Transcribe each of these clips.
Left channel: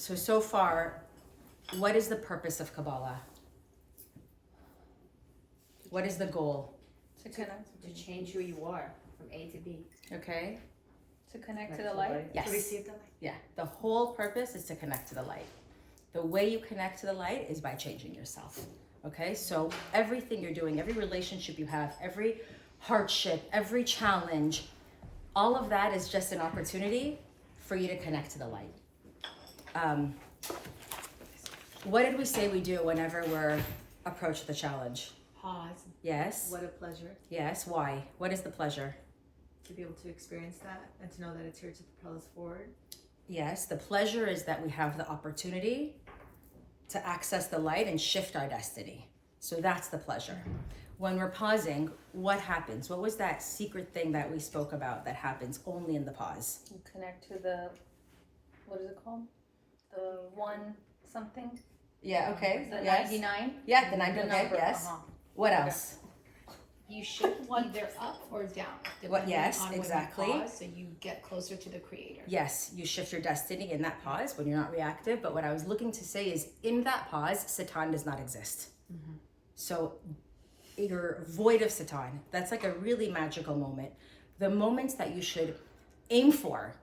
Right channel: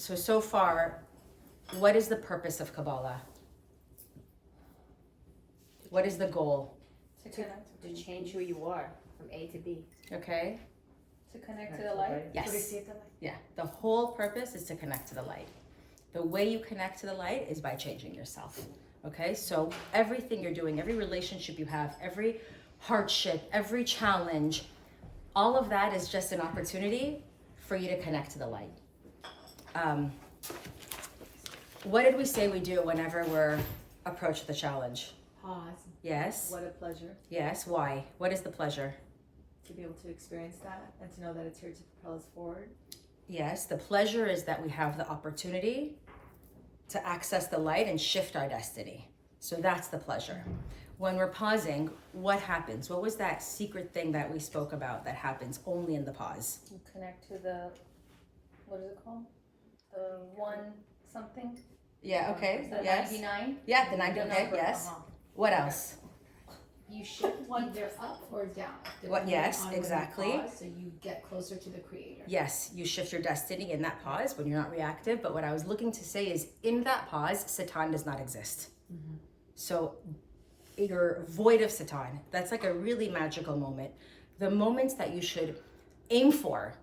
So far, what is the purpose of Kabbalah? What is the goal? To change who you are from A to B. Okay. To connect to the light? Yes. To receive the light. Yeah. The whole purpose is to connect to the light. The way you connect to the light is by changing yourself. Okay. So everything you're doing, every relationship you have, every hardship, every challenge, all of that is just an opportunity for you to connect to the light. What did we say we do whenever we're approached with a challenge? Pause. Yes. What a pleasure Yes. Why? What is the pleasure? to be able to experience that and to know that it's here to propel us forward. Yes. The pleasure is that we have the opportunity to access the light and shift our destiny. So that's the pleasure. When we're pausing, what happens? What was that secret thing that we spoke about that happens only in the pause? You connect to the, what is it called? The one something? Yeah, okay. The Yes. 99? Yeah, the 90. The Okay, number. yes. What else? You shift either up or down. What? depending Yes, on when you exactly. pause, so you get closer to the creator. Yes, you shift your destiny in that pause when you're not reactive. But what I was looking to say is in that pause, Satan does not exist. So you're void of Satan. That's like a really magical moment. The moments that you should aim for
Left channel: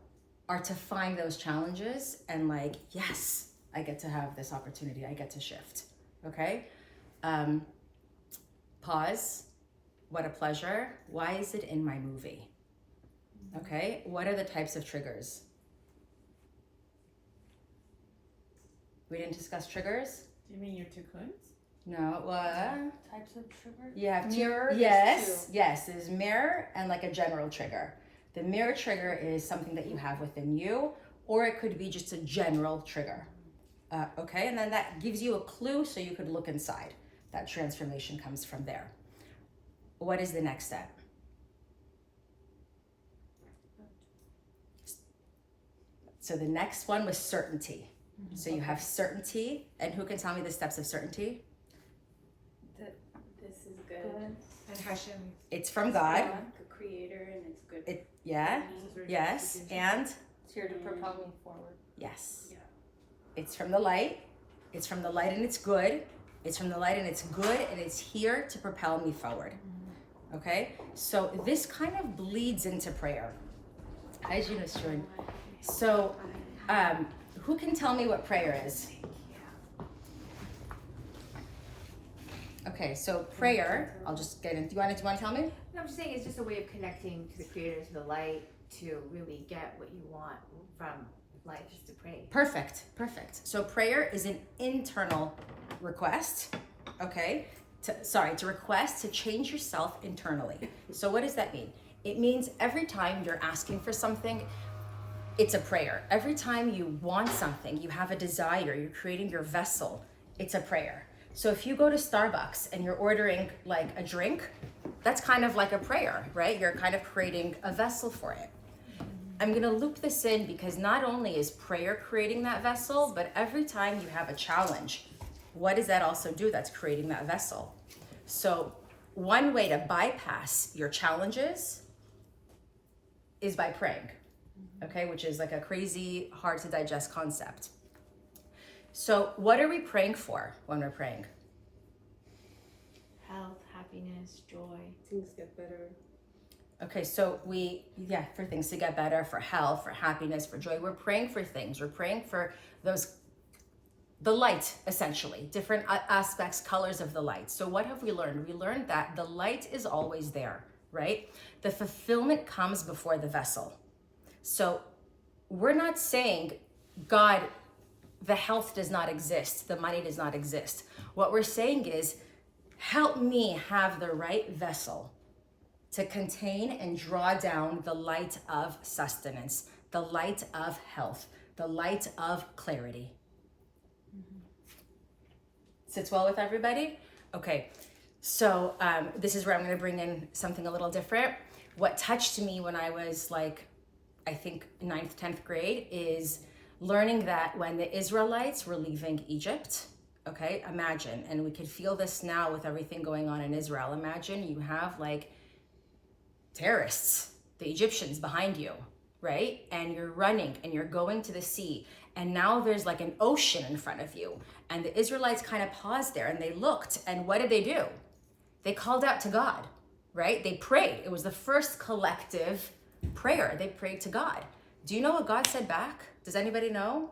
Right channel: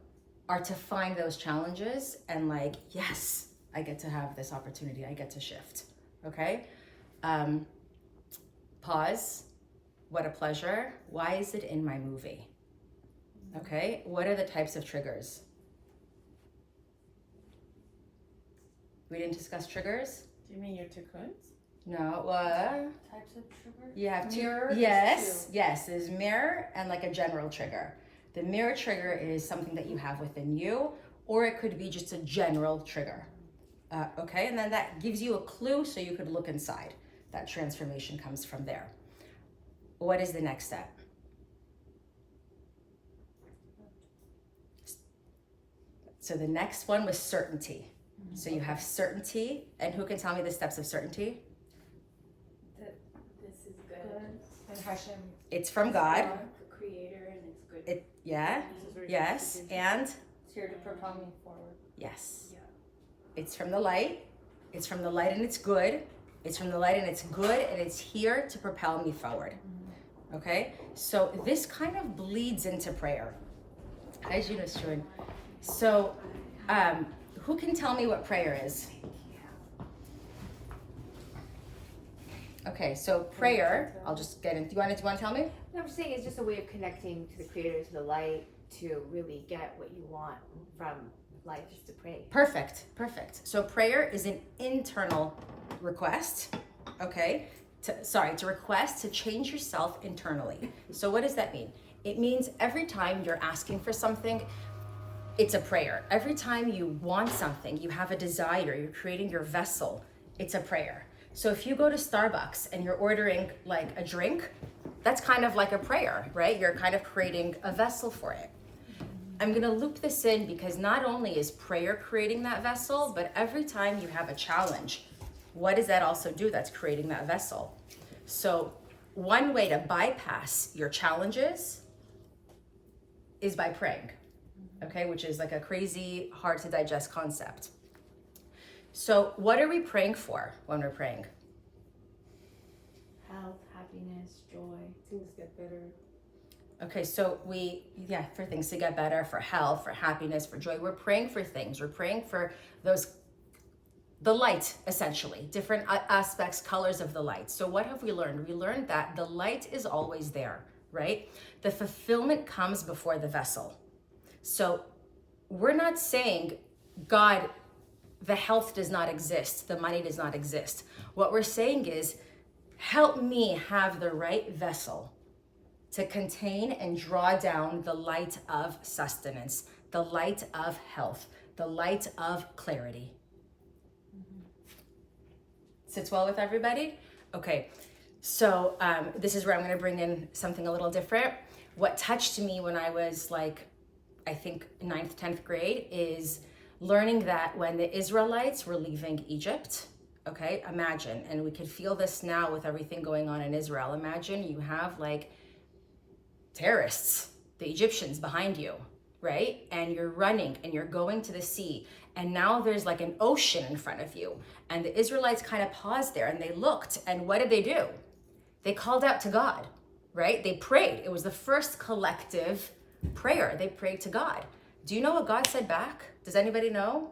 are to find those challenges and like, yes, I get to have this opportunity. I get to shift. Okay. Pause. What a pleasure. Why is it in my movie? Okay. What are the types of triggers? We didn't discuss triggers? Do you mean your cocoons? No. Types of sugar? You have two. Mirror is Yes. two. Yes. There's mirror and like a general trigger. The mirror trigger is something that you have within you, or it could be just a general trigger. Okay. And then that gives you a clue so you could look inside. That transformation comes from there. What is the next step? So the next one was certainty. So you have certainty, and who can tell me the steps of certainty? This is good. And Hashem. It's from God. The creator, and it's good. Yeah. Yes. And It's here to propel me forward. yes. Yeah. It's from the light. It's from the light and it's good. It's from the light and it's good and it's here to propel me forward. Okay? So this kind of bleeds into prayer. Hi, Gina Stewart. So who can tell me what prayer is? Okay, so prayer, I'll just get in. Do you want to tell me? No, I'm just saying it's just a way of connecting to the creator, to the light, to really get what you want from life, is to pray. Perfect. So prayer is an internal request, okay? To request to change yourself internally. So what does that mean? It means every time you're asking for something, it's a prayer. Every time you want something, you have a desire, you're creating your vessel, it's a prayer. So if you go to Starbucks and you're ordering like a drink, that's kind of like a prayer, right? You're kind of creating a vessel for it. I'm gonna loop this in because not only is prayer creating that vessel, but every time you have a challenge, what does that also do? That's creating that vessel. So one way to bypass your challenges is by praying, okay? Which is like a crazy, hard to digest concept. So what are we praying for when we're praying? Health, happiness, joy. Things get better. Okay, so for things to get better, for health, for happiness, for joy. We're praying for things. We're praying for the light, essentially, different aspects, colors of the light. So what have we learned? We learned that the light is always there, right? The fulfillment comes before the vessel. So we're not saying, God, the health does not exist, the money does not exist. What we're saying is, help me have the right vessel to contain and draw down the light of sustenance, the light of health, the light of clarity. Sits well with everybody? Okay, so this is where I'm gonna bring in something a little different. What touched me when I was like, I think 9th, 10th grade is learning that when the Israelites were leaving Egypt, okay, imagine, and we could feel this now with everything going on in Israel. Imagine you have like terrorists, the Egyptians behind you, right? And you're running and you're going to the sea, and now there's like an ocean in front of you. And the Israelites kind of paused there and they looked, and what did they do? They called out to God, right? They prayed. It was the first collective prayer. They prayed to God. Do you know what God said back? Does anybody know?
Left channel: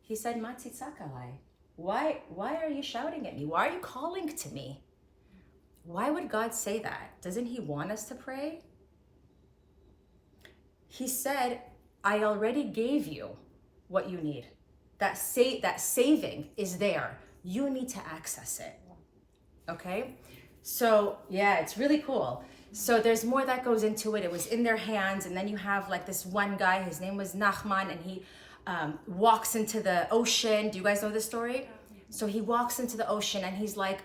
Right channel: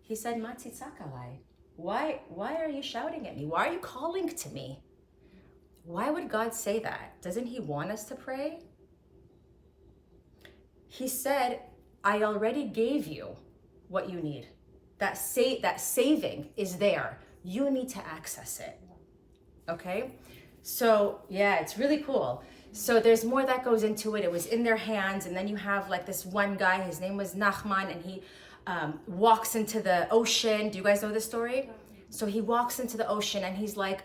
He said, Matitzakalai. Why are you shouting at me? Why are you calling to me? Why would God say that? Doesn't he want us to pray? He said, I already gave you what you need. That saving is there. You need to access it. Okay? So yeah, it's really cool. So there's more that goes into it. It was in their hands. And then you have like this one guy, his name was Nachman, and he walks into the ocean. Do you guys know this story? So he walks into the ocean and he's like,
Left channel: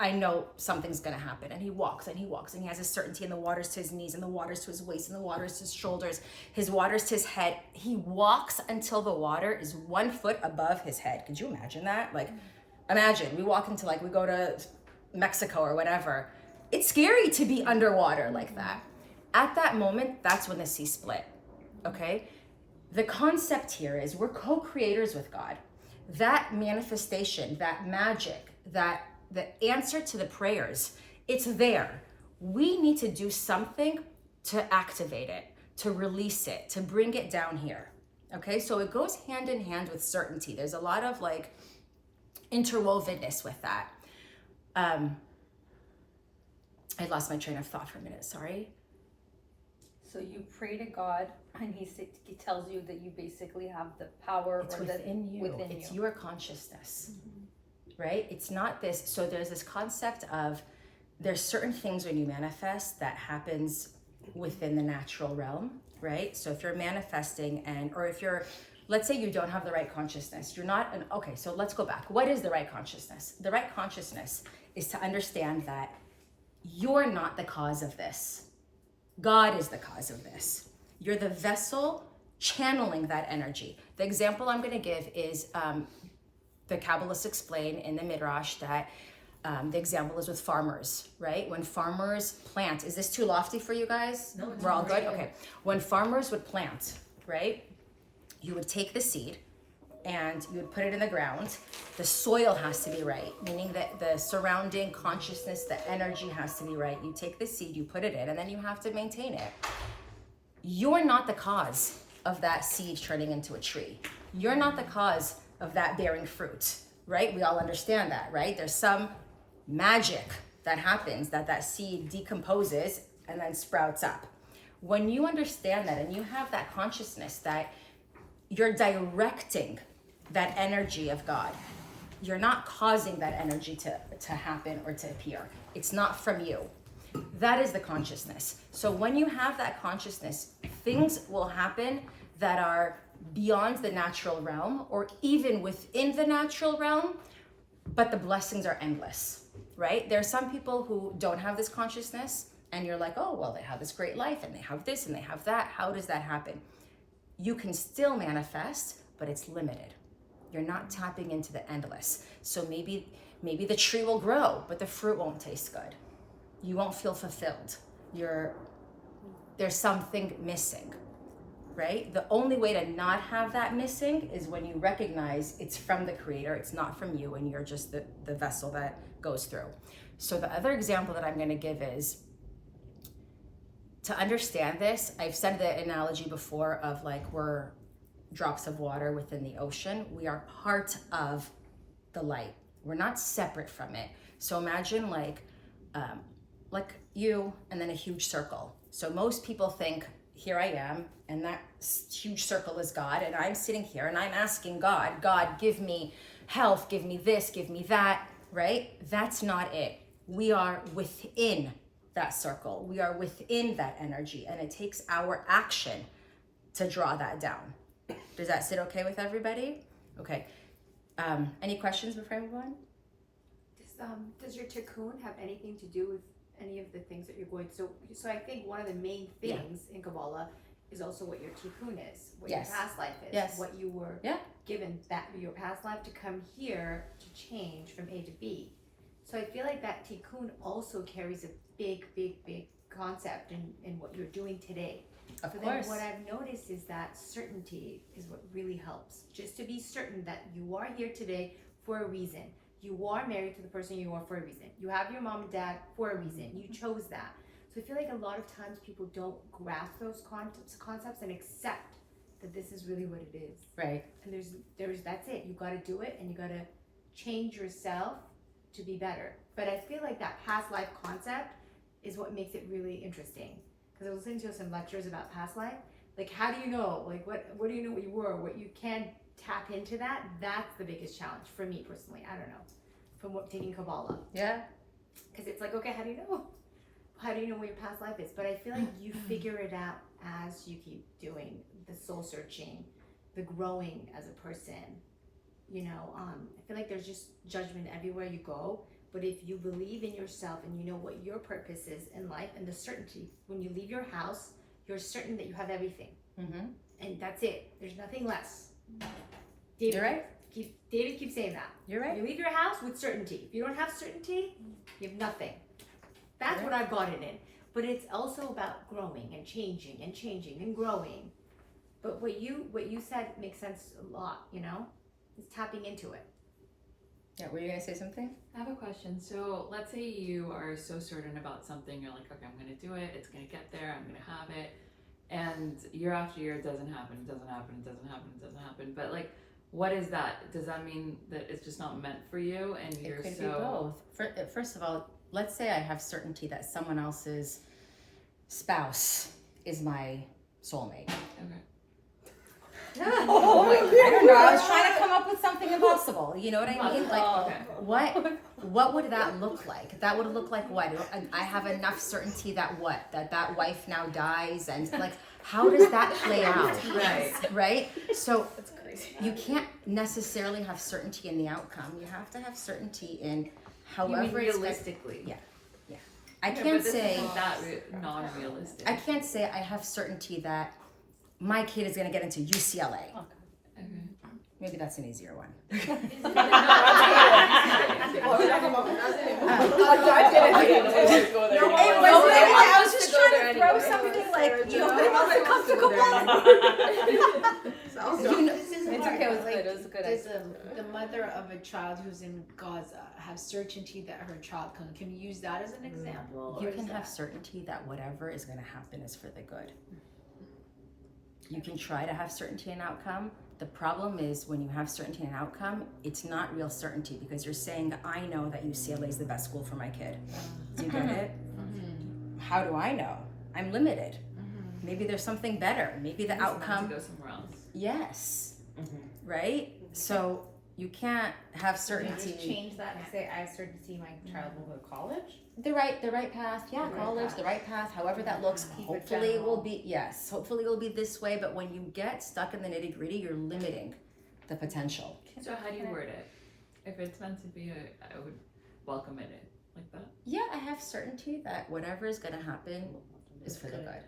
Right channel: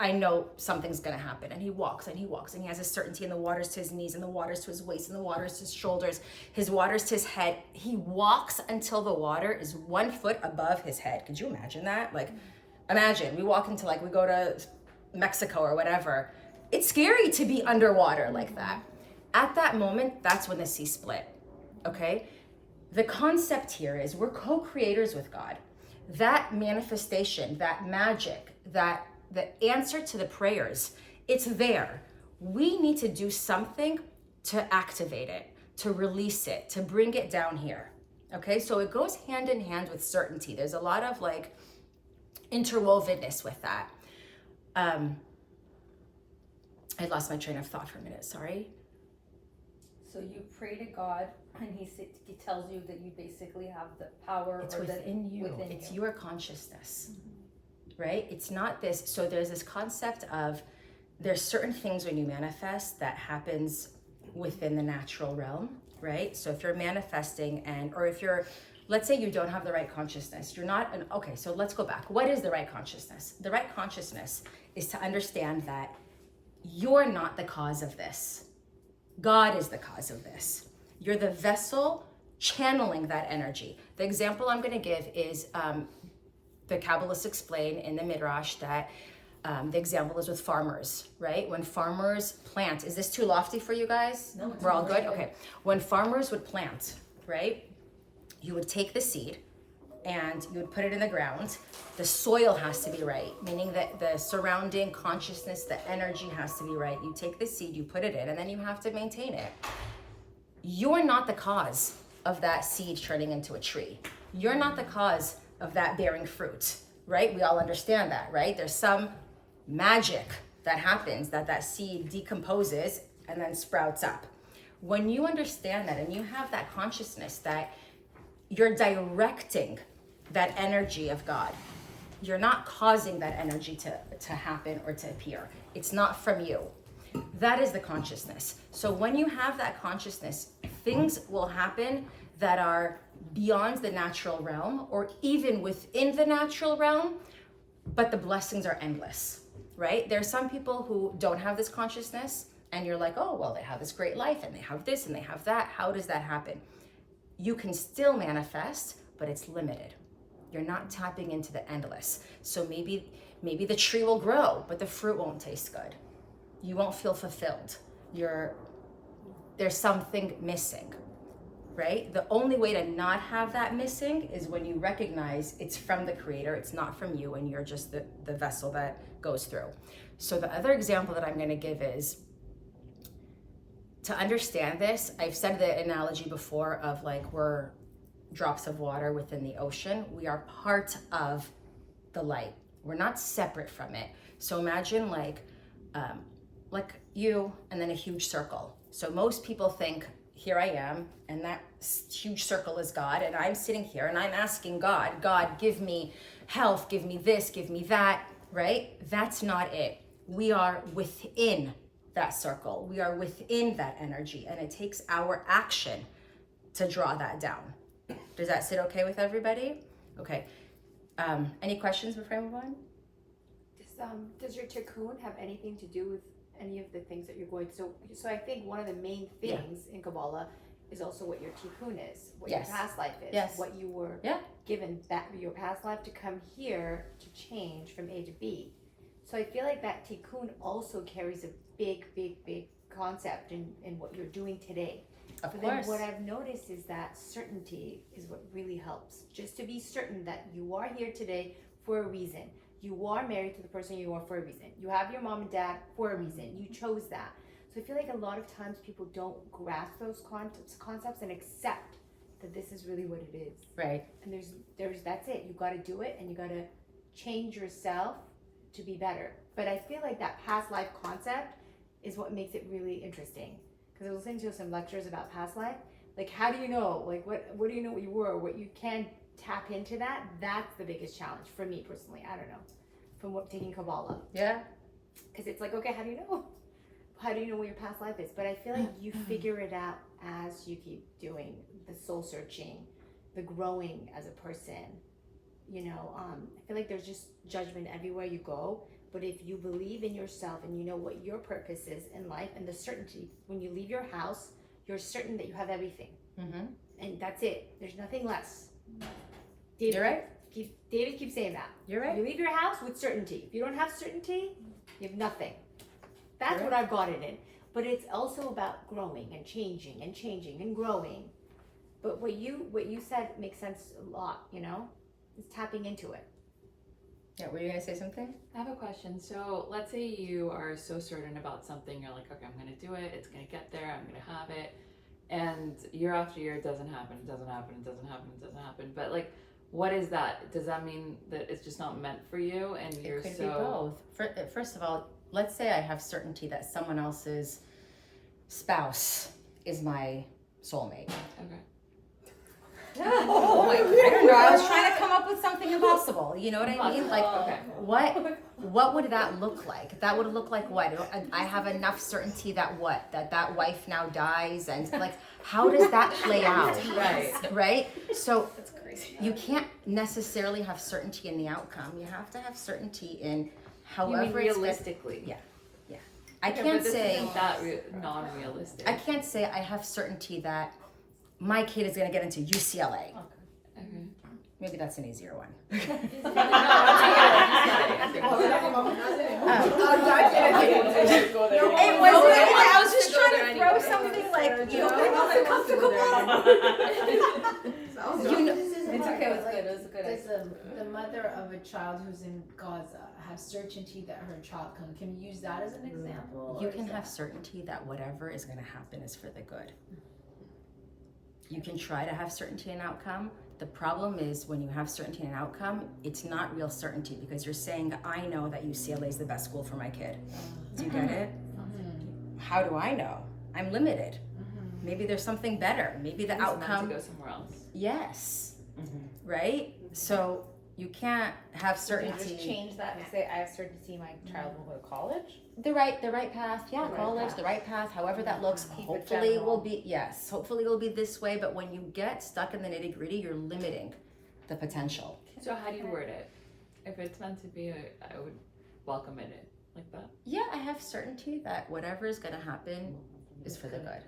I know something's gonna happen. And he walks and he walks and he has a certainty, and the water's to his knees and the water's to his waist and the water's to his shoulders. His water's to his head. He walks until the water is 1 foot above his head. Could you imagine that? Like, imagine we walk into we go to Mexico or whatever. It's scary to be underwater like that. At that moment, that's when the sea split, okay? The concept here is we're co-creators with God. That manifestation, that magic, that the answer to the prayers, it's there. We need to do something to activate it, to release it, to bring it down here, okay? So it goes hand in hand with certainty. There's a lot of interwovenness with that. I lost my train of thought for a minute, sorry. So you pray to God, and he tells you that you basically have the power. It's within you. Within it's you. your consciousness, right? It's not this. So there's this concept of there's certain things when you manifest that happens within the natural realm, right? So if you're manifesting or if you're, let's say you don't have the right consciousness, you're not okay, so let's go back. What is the right consciousness? The right consciousness is to understand that you're not the cause of this. God is the cause of this. You're the vessel channeling that energy. The example I'm going to give is the Kabbalists explain in the Midrash that the example is with farmers, right? When farmers plant, is this too lofty for you guys? No, We're all good? Okay. When farmers would plant, right? You would take the seed and you would put it in the ground. The soil has to be right, meaning that the surrounding consciousness, the energy has to be right. You take the seed, you put it in, and then you have to maintain it. You're not the cause of that seed turning into a tree. You're not the cause of that bearing fruit, right? We all understand that, right? There's some magic that happens that seed decomposes and then sprouts up. When you understand that and you have that consciousness that you're directing that energy of God, you're not causing that energy to happen or to appear. It's not from you. That is the consciousness. So when you have that consciousness, things will happen that are beyond the natural realm or even within the natural realm, but the blessings are endless, right? There are some people who don't have this consciousness and you're like, oh, well, they have this great life and they have this and they have that. How does that happen? You can still manifest, but it's limited. You're not tapping into the endless. So maybe the tree will grow, but the fruit won't taste good. You won't feel fulfilled. There's something missing, right? The only way to not have that missing is when you recognize it's from the Creator, it's not from you, and you're just the vessel that goes through. So the other example that I'm going to give is, to understand this, I've said the analogy before of we're drops of water within the ocean. We are part of the light. We're not separate from it. So imagine like you and then a huge circle. So most people think, here I am, and that huge circle is God, and I'm sitting here and I'm asking God, give me health, give me this, give me that, right? That's not it. We are within that circle. We are within that energy, and it takes our action to draw that down. Does that sit okay with everybody? Okay. Any questions before I move on? Does your tikkun have anything to do with any of the things that you're going through? So I think one of the main things in Kabbalah is also what your tikkun is, what your past life is, what you were given that your past life to come here to change from A to B. So I feel like that tikkun also carries a big concept in what you're doing today. Of But course. then what I've noticed is that certainty is what really helps. Just to be certain that you are here today for a reason. You are married to the person you are for a reason. You have your mom and dad for a reason. You chose that. So I feel like a lot of times people don't grasp those concepts and accept that this is really what it is. Right. And there's that's it. You got to do it, and you got to change yourself to be better. But I feel like that past life concept is what makes it really interesting. Because I was listening to some lectures about past life. Like, how do you know? Like, what do you know what you were? What you can tap into that? That's the biggest challenge for me personally. I don't know. From taking Kabbalah. Yeah. Because it's like, okay, how do you know? How do you know what your past life is? But I feel like you figure it out as you keep doing the soul searching, the growing as a person. You know, I feel like there's just judgment everywhere you go. But if you believe in yourself and you know what your purpose is in life and the certainty, when you leave your house, you're certain that you have everything. Mm-hmm. And that's it. There's nothing less. You're right. David keeps saying that. You're right. You leave your house with certainty. If you don't have certainty, you have nothing. That's You're what right. I've got it in. But it's also about growing and changing and growing. But what you said makes sense a lot, you know? It's tapping into it. Yeah, were you gonna say something? I have a question. So let's say you are so certain about something, you're like, okay, I'm gonna do it, it's gonna get there, I'm gonna have it. And year after year, it doesn't happen, it doesn't happen, it doesn't happen, it doesn't happen. But like, what is that? Does that mean that it's just not meant for you and you're It could so... be both. First of all, let's say I have certainty that someone else's spouse is my soulmate. Okay. I don't know. I was trying to come up with something impossible. You know what I mean? Like, Okay. what would that look like? That would look like what? I have enough certainty that what? That wife now dies, and like, how does that play out? Right. Right? So you can't necessarily have certainty in the outcome. You have to have certainty in however it's realistically. Yeah. I Yeah, but can't this say isn't that non-realistic. I can't say I have certainty that my kid is going to get into UCLA. Okay. Maybe that's an easier one. It wasn't anything. I was just trying to throw something like, you know. You know. This is It's hard, okay, it was but, like, good, it was good. does the mother of a child who's in Gaza have certainty that her child can we use that as an example? You or can is have that- certainty that whatever is going to happen is for the good. You can try to have certainty in outcome. The problem is when you have certainty in outcome, it's not real certainty because you're saying, I know that UCLA is the best school for my kid. Do you get it? How do I know? I'm limited. Maybe there's something better. Maybe the outcome. To go somewhere else. Yes. Right? So you can't have Just certainty. change that and say I have certainty my child will go to college. The right path. Yeah, college, the right path, however that looks. Hopefully it will be, yes, hopefully it will be this way. But when you get stuck in the nitty gritty, you're limiting the potential. So how do you word it? If it's meant to be, I would welcome it like that. Yeah, I have certainty that whatever is going to happen is for the good.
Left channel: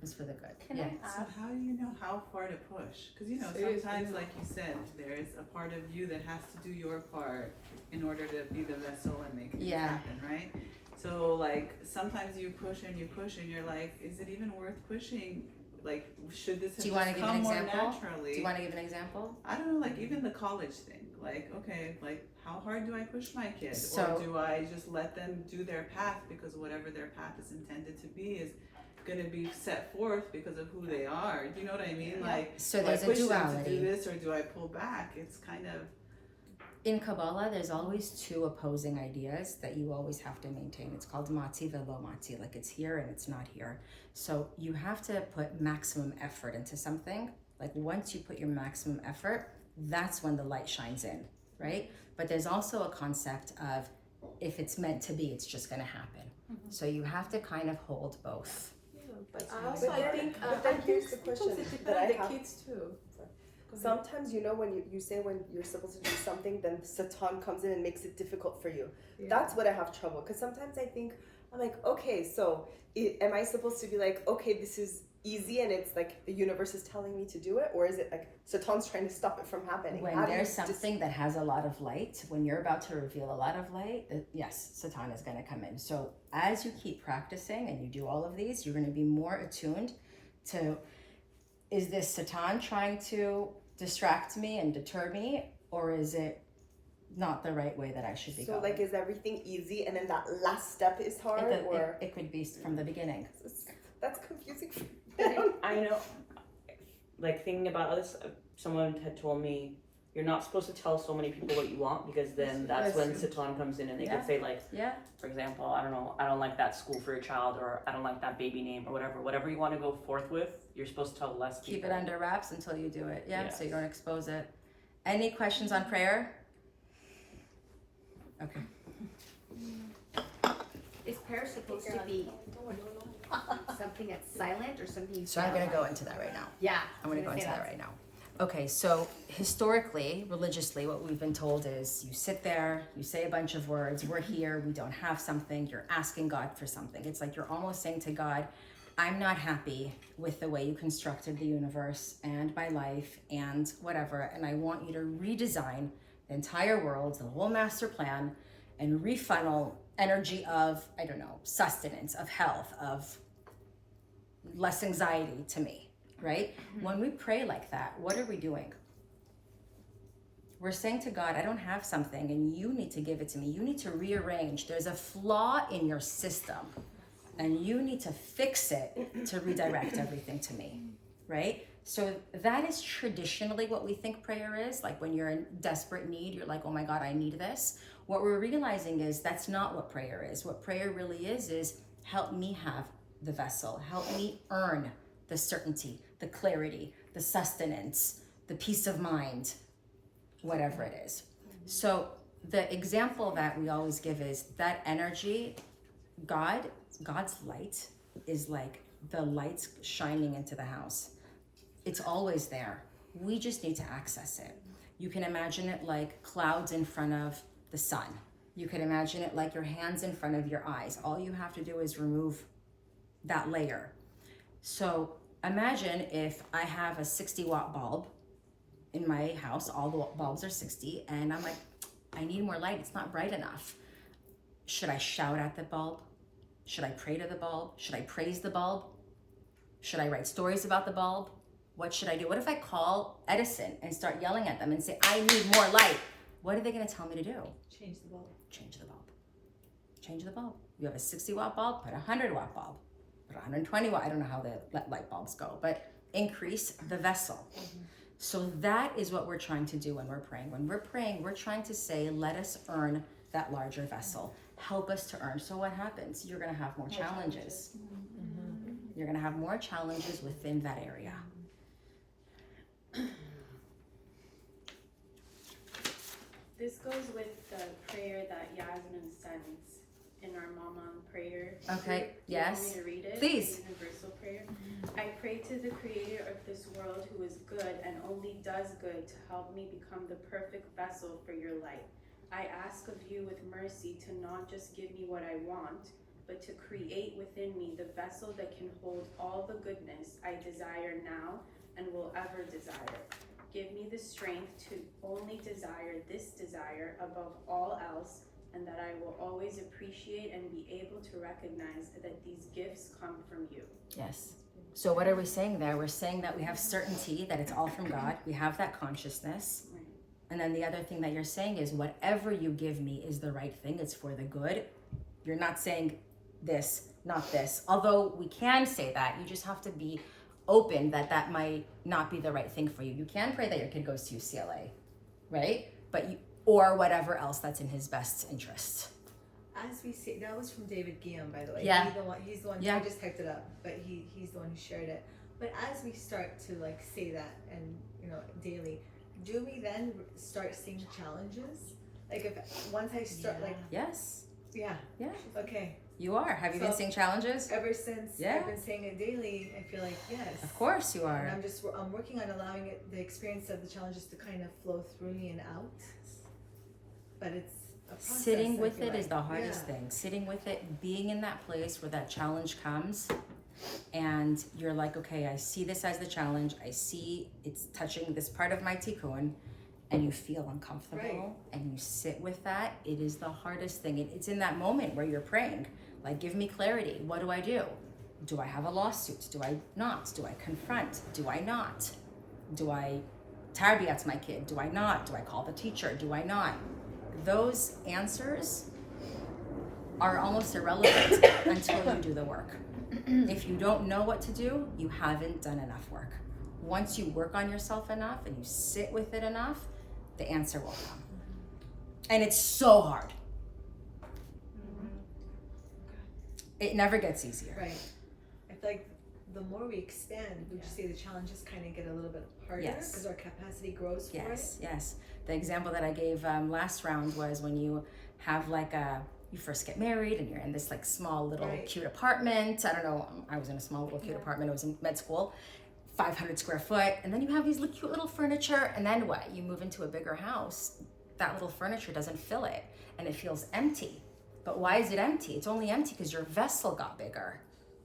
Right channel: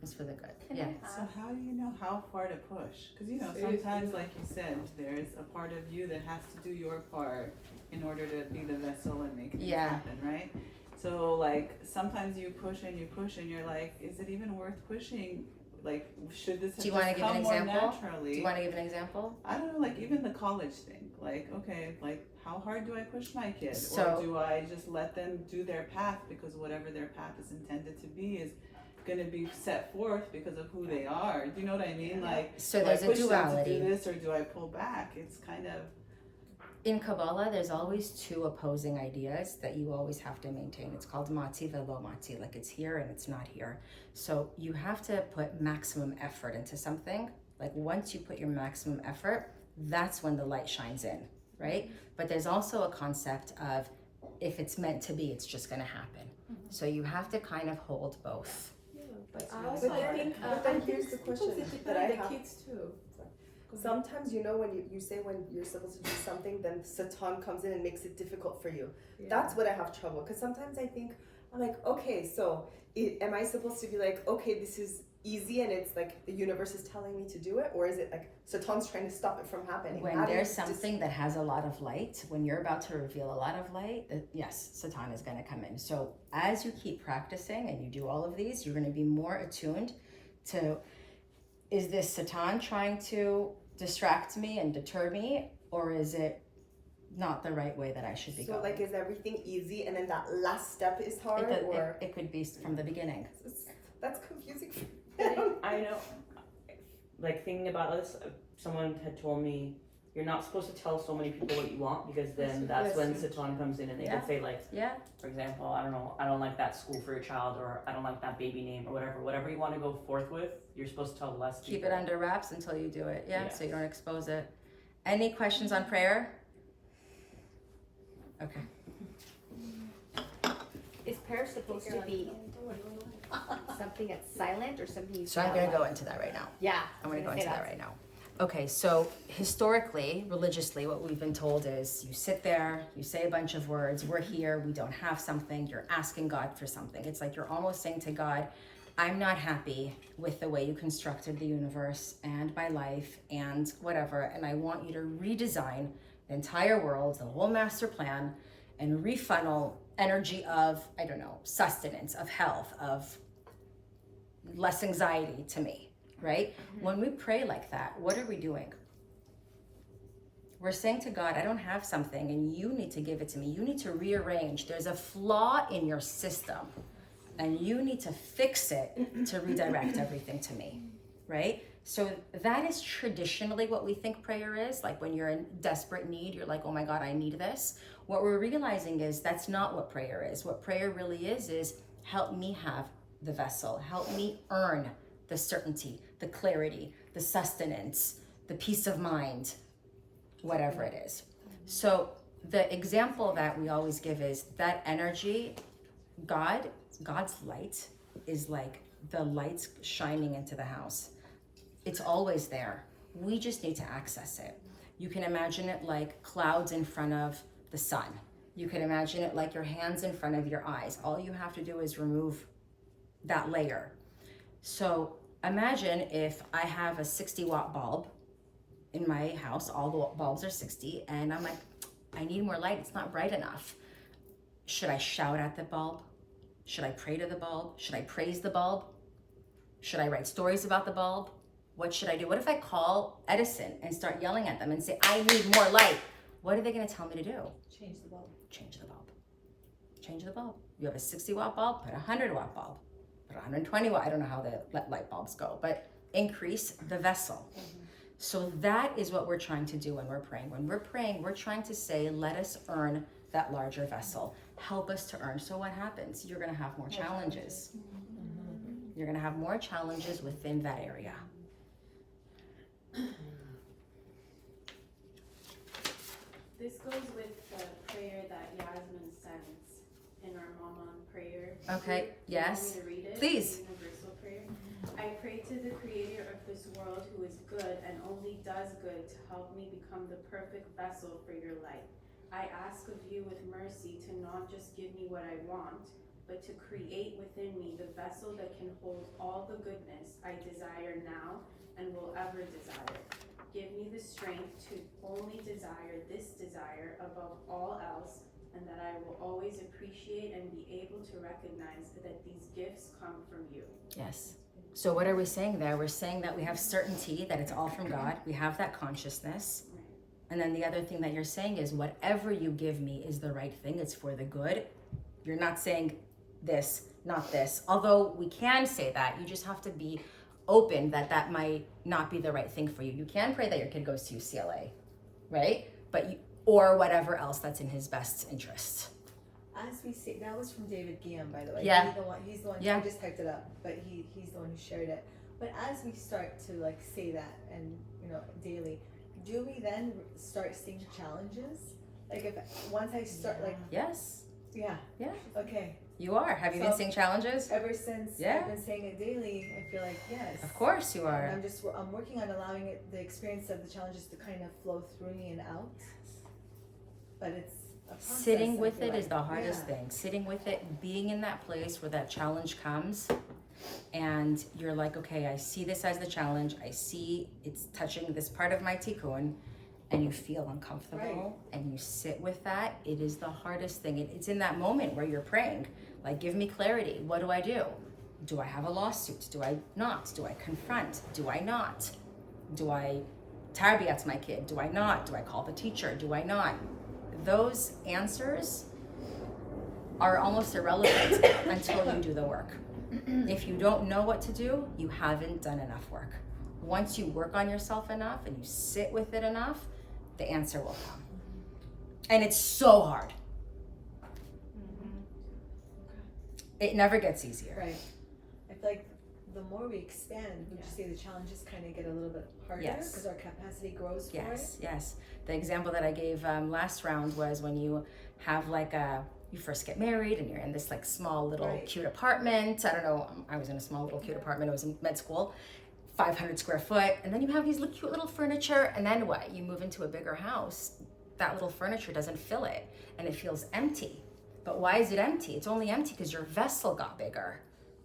Is for the good. Yeah. So how do you know how far to push? Because you know, sometimes, like you said, there's a part of you that has to do your part in order to be the vessel and make things happen, right? So like sometimes you push and you're like, is it even worth pushing? Like, should this have Do you want to give an come more example? naturally? Do you want to give an example? I don't know, like even the college thing. Like, okay, like how hard do I push my kid? So- or do I just let them do their path because whatever their path is intended to be is going to be set forth because of who they are? Do you know what I mean? Like, So do there's I a push them to duality. do this or do I pull back? It's kind of In Kabbalah, there's always two opposing ideas that you always have to maintain. It's called mati velo mati, like it's here and it's not here. So you have to put maximum effort into something. Like once you put your maximum effort, that's when the light shines in, right? But there's also a concept of if it's meant to be, it's just going to happen. So you have to kind of hold both. But I think, but then here's the question that I have. kids too. Sometimes, you know, when you say when you're supposed to do something, then Satan comes in and makes it difficult for you. Yeah. That's what I have trouble. Because sometimes I think, I'm like, okay, so am I supposed to be like, okay, this is easy and it's like the universe is telling me to do it? Or is it like Satan's trying to stop it from happening? When How do you there's just- something that has a lot of light, when you're about to reveal a lot of light, yes, Satan is going to come in. So as you keep practicing and you do all of these, you're going to be more attuned is this Satan trying to distract me and deter me, or is it not the right way that I should be going? So like, is everything easy and then that last step is hard, It could be from the beginning. That's confusing. I know, like thinking about this, someone had told me you're not supposed to tell so many people what you want, because then that's when Satan comes in and they Yeah. could say like, Yeah. for example, I don't know, I don't like that school for your child, or I don't like that baby name, or whatever you want to go forth with, you're supposed to tell less people. Keep it under wraps until you do it. Yeah. Yeah. So you don't expose it. Any questions on prayer? Okay. Is prayer supposed to be something that's silent or something? So I'm going to go into that right now. Yeah. I'm going to go into that right now. Okay, so historically, religiously, what we've been told is you sit there, you say a bunch of words, we're here, we don't have something, you're asking God for something. It's like you're almost saying to God, I'm not happy with the way you constructed the universe and my life and whatever, and I want you to redesign the entire world, the whole master plan, and refunnel energy of, I don't know, sustenance, of health, of less anxiety to me. Right? When we pray like that, what are we doing? We're saying to God, I don't have something and you need to give it to me. You need to rearrange. There's a flaw in your system and you need to fix it to redirect everything to me. Right? So that is traditionally what we think prayer is. Like when you're in desperate need, you're like, oh my God, I need this. What we're realizing is that's not what prayer is. What prayer really is help me have the vessel. Help me earn the certainty, the clarity, the sustenance, the peace of mind, whatever it is. So the example that we always give is that energy, God's light is like the lights shining into the house. It's always there. We just need to access it. You can imagine it like clouds in front of the sun. You can imagine it like your hands in front of your eyes. All you have to do is remove that layer. So imagine if I have a 60-watt bulb in my house, all the bulbs are 60, and I'm like, I need more light, it's not bright enough. Should I shout at the bulb? Should I pray to the bulb? Should I praise the bulb? Should I write stories about the bulb? What should I do? What if I call Edison and start yelling at them and say, I need more light? What are they gonna tell me to do? Change the bulb. Change the bulb. Change the bulb. You have a 60-watt bulb, put a 100-watt bulb. Put 120 watt, I don't know how the light bulbs go, but increase the vessel. So that is what we're trying to do when we're praying. When we're praying, we're trying to say, let us earn that larger vessel. Help us to earn. So what happens? You're gonna have more challenges. You're gonna have more challenges within that area. This goes with the prayer that Yasmin sends in our Mama prayer. Okay, Do you want yes. me to read it? Please. The universal prayer. I pray to the creator of this world who is good and only does good to help me become the perfect vessel for your light. I ask of you with mercy to not just give me what I want, but to create within me the vessel that can hold all the goodness I desire now and will ever desire. Give me the strength to only desire this desire above all else, and that I will always appreciate and be able to recognize that these gifts come from you. Yes. So what are we saying there? We're saying that we have certainty that it's all from God. We have that consciousness. And then the other thing that you're saying is whatever you give me is the right thing. It's for the good. You're not saying this, not this. Although we can say that, you just have to be open that that might not be the right thing for you. You can pray that your kid goes to UCLA, right? But or whatever else that's in his best interest. As we see, that was from David Guillaume, by the way. Yeah. He's the one. Yeah. I just typed it up, but he's the one who shared it. But as we start to like say that and daily, do we then start seeing challenges? Like if once I start like Yes, yeah okay. you are. Have you been seeing challenges? Ever since Yeah. I've been saying it daily, I feel like yes. Of course you are. And I'm working on allowing the experience of the challenges to kind of flow through me and out. But it's a process, Sitting I with feel it is like. the hardest Yeah. thing. Sitting with it, being in that place where that challenge comes and you're like, okay, I see this as the challenge. I see it's touching this part of my tikkun, and you feel uncomfortable Right. and you sit with that. It is the hardest thing. It's in that moment where you're praying, like, give me clarity. What do I do? Do I have a lawsuit? Do I not? Do I confront? Do I not? Do I tarbiat my kid? Do I not? Do I call the teacher? Do I not? Those answers are almost irrelevant until you do the work. If you don't know what to do, you haven't done enough work. Once you work on yourself enough and you sit with it enough, the answer will come. And it's so hard. It never gets easier. Right. I feel like the more we expand, would you say the challenges kind of get a little bit harder because our capacity grows for it? Yes. The example that I gave last round was when you have you first get married and you're in this like small little cute apartment. I don't know, I was in a small little cute apartment. I was in med school, 500 square foot. And then you have these cute little furniture. And then what? You move into a bigger house. That little furniture doesn't fill it and it feels empty. But why is it empty? It's only empty because your vessel got bigger,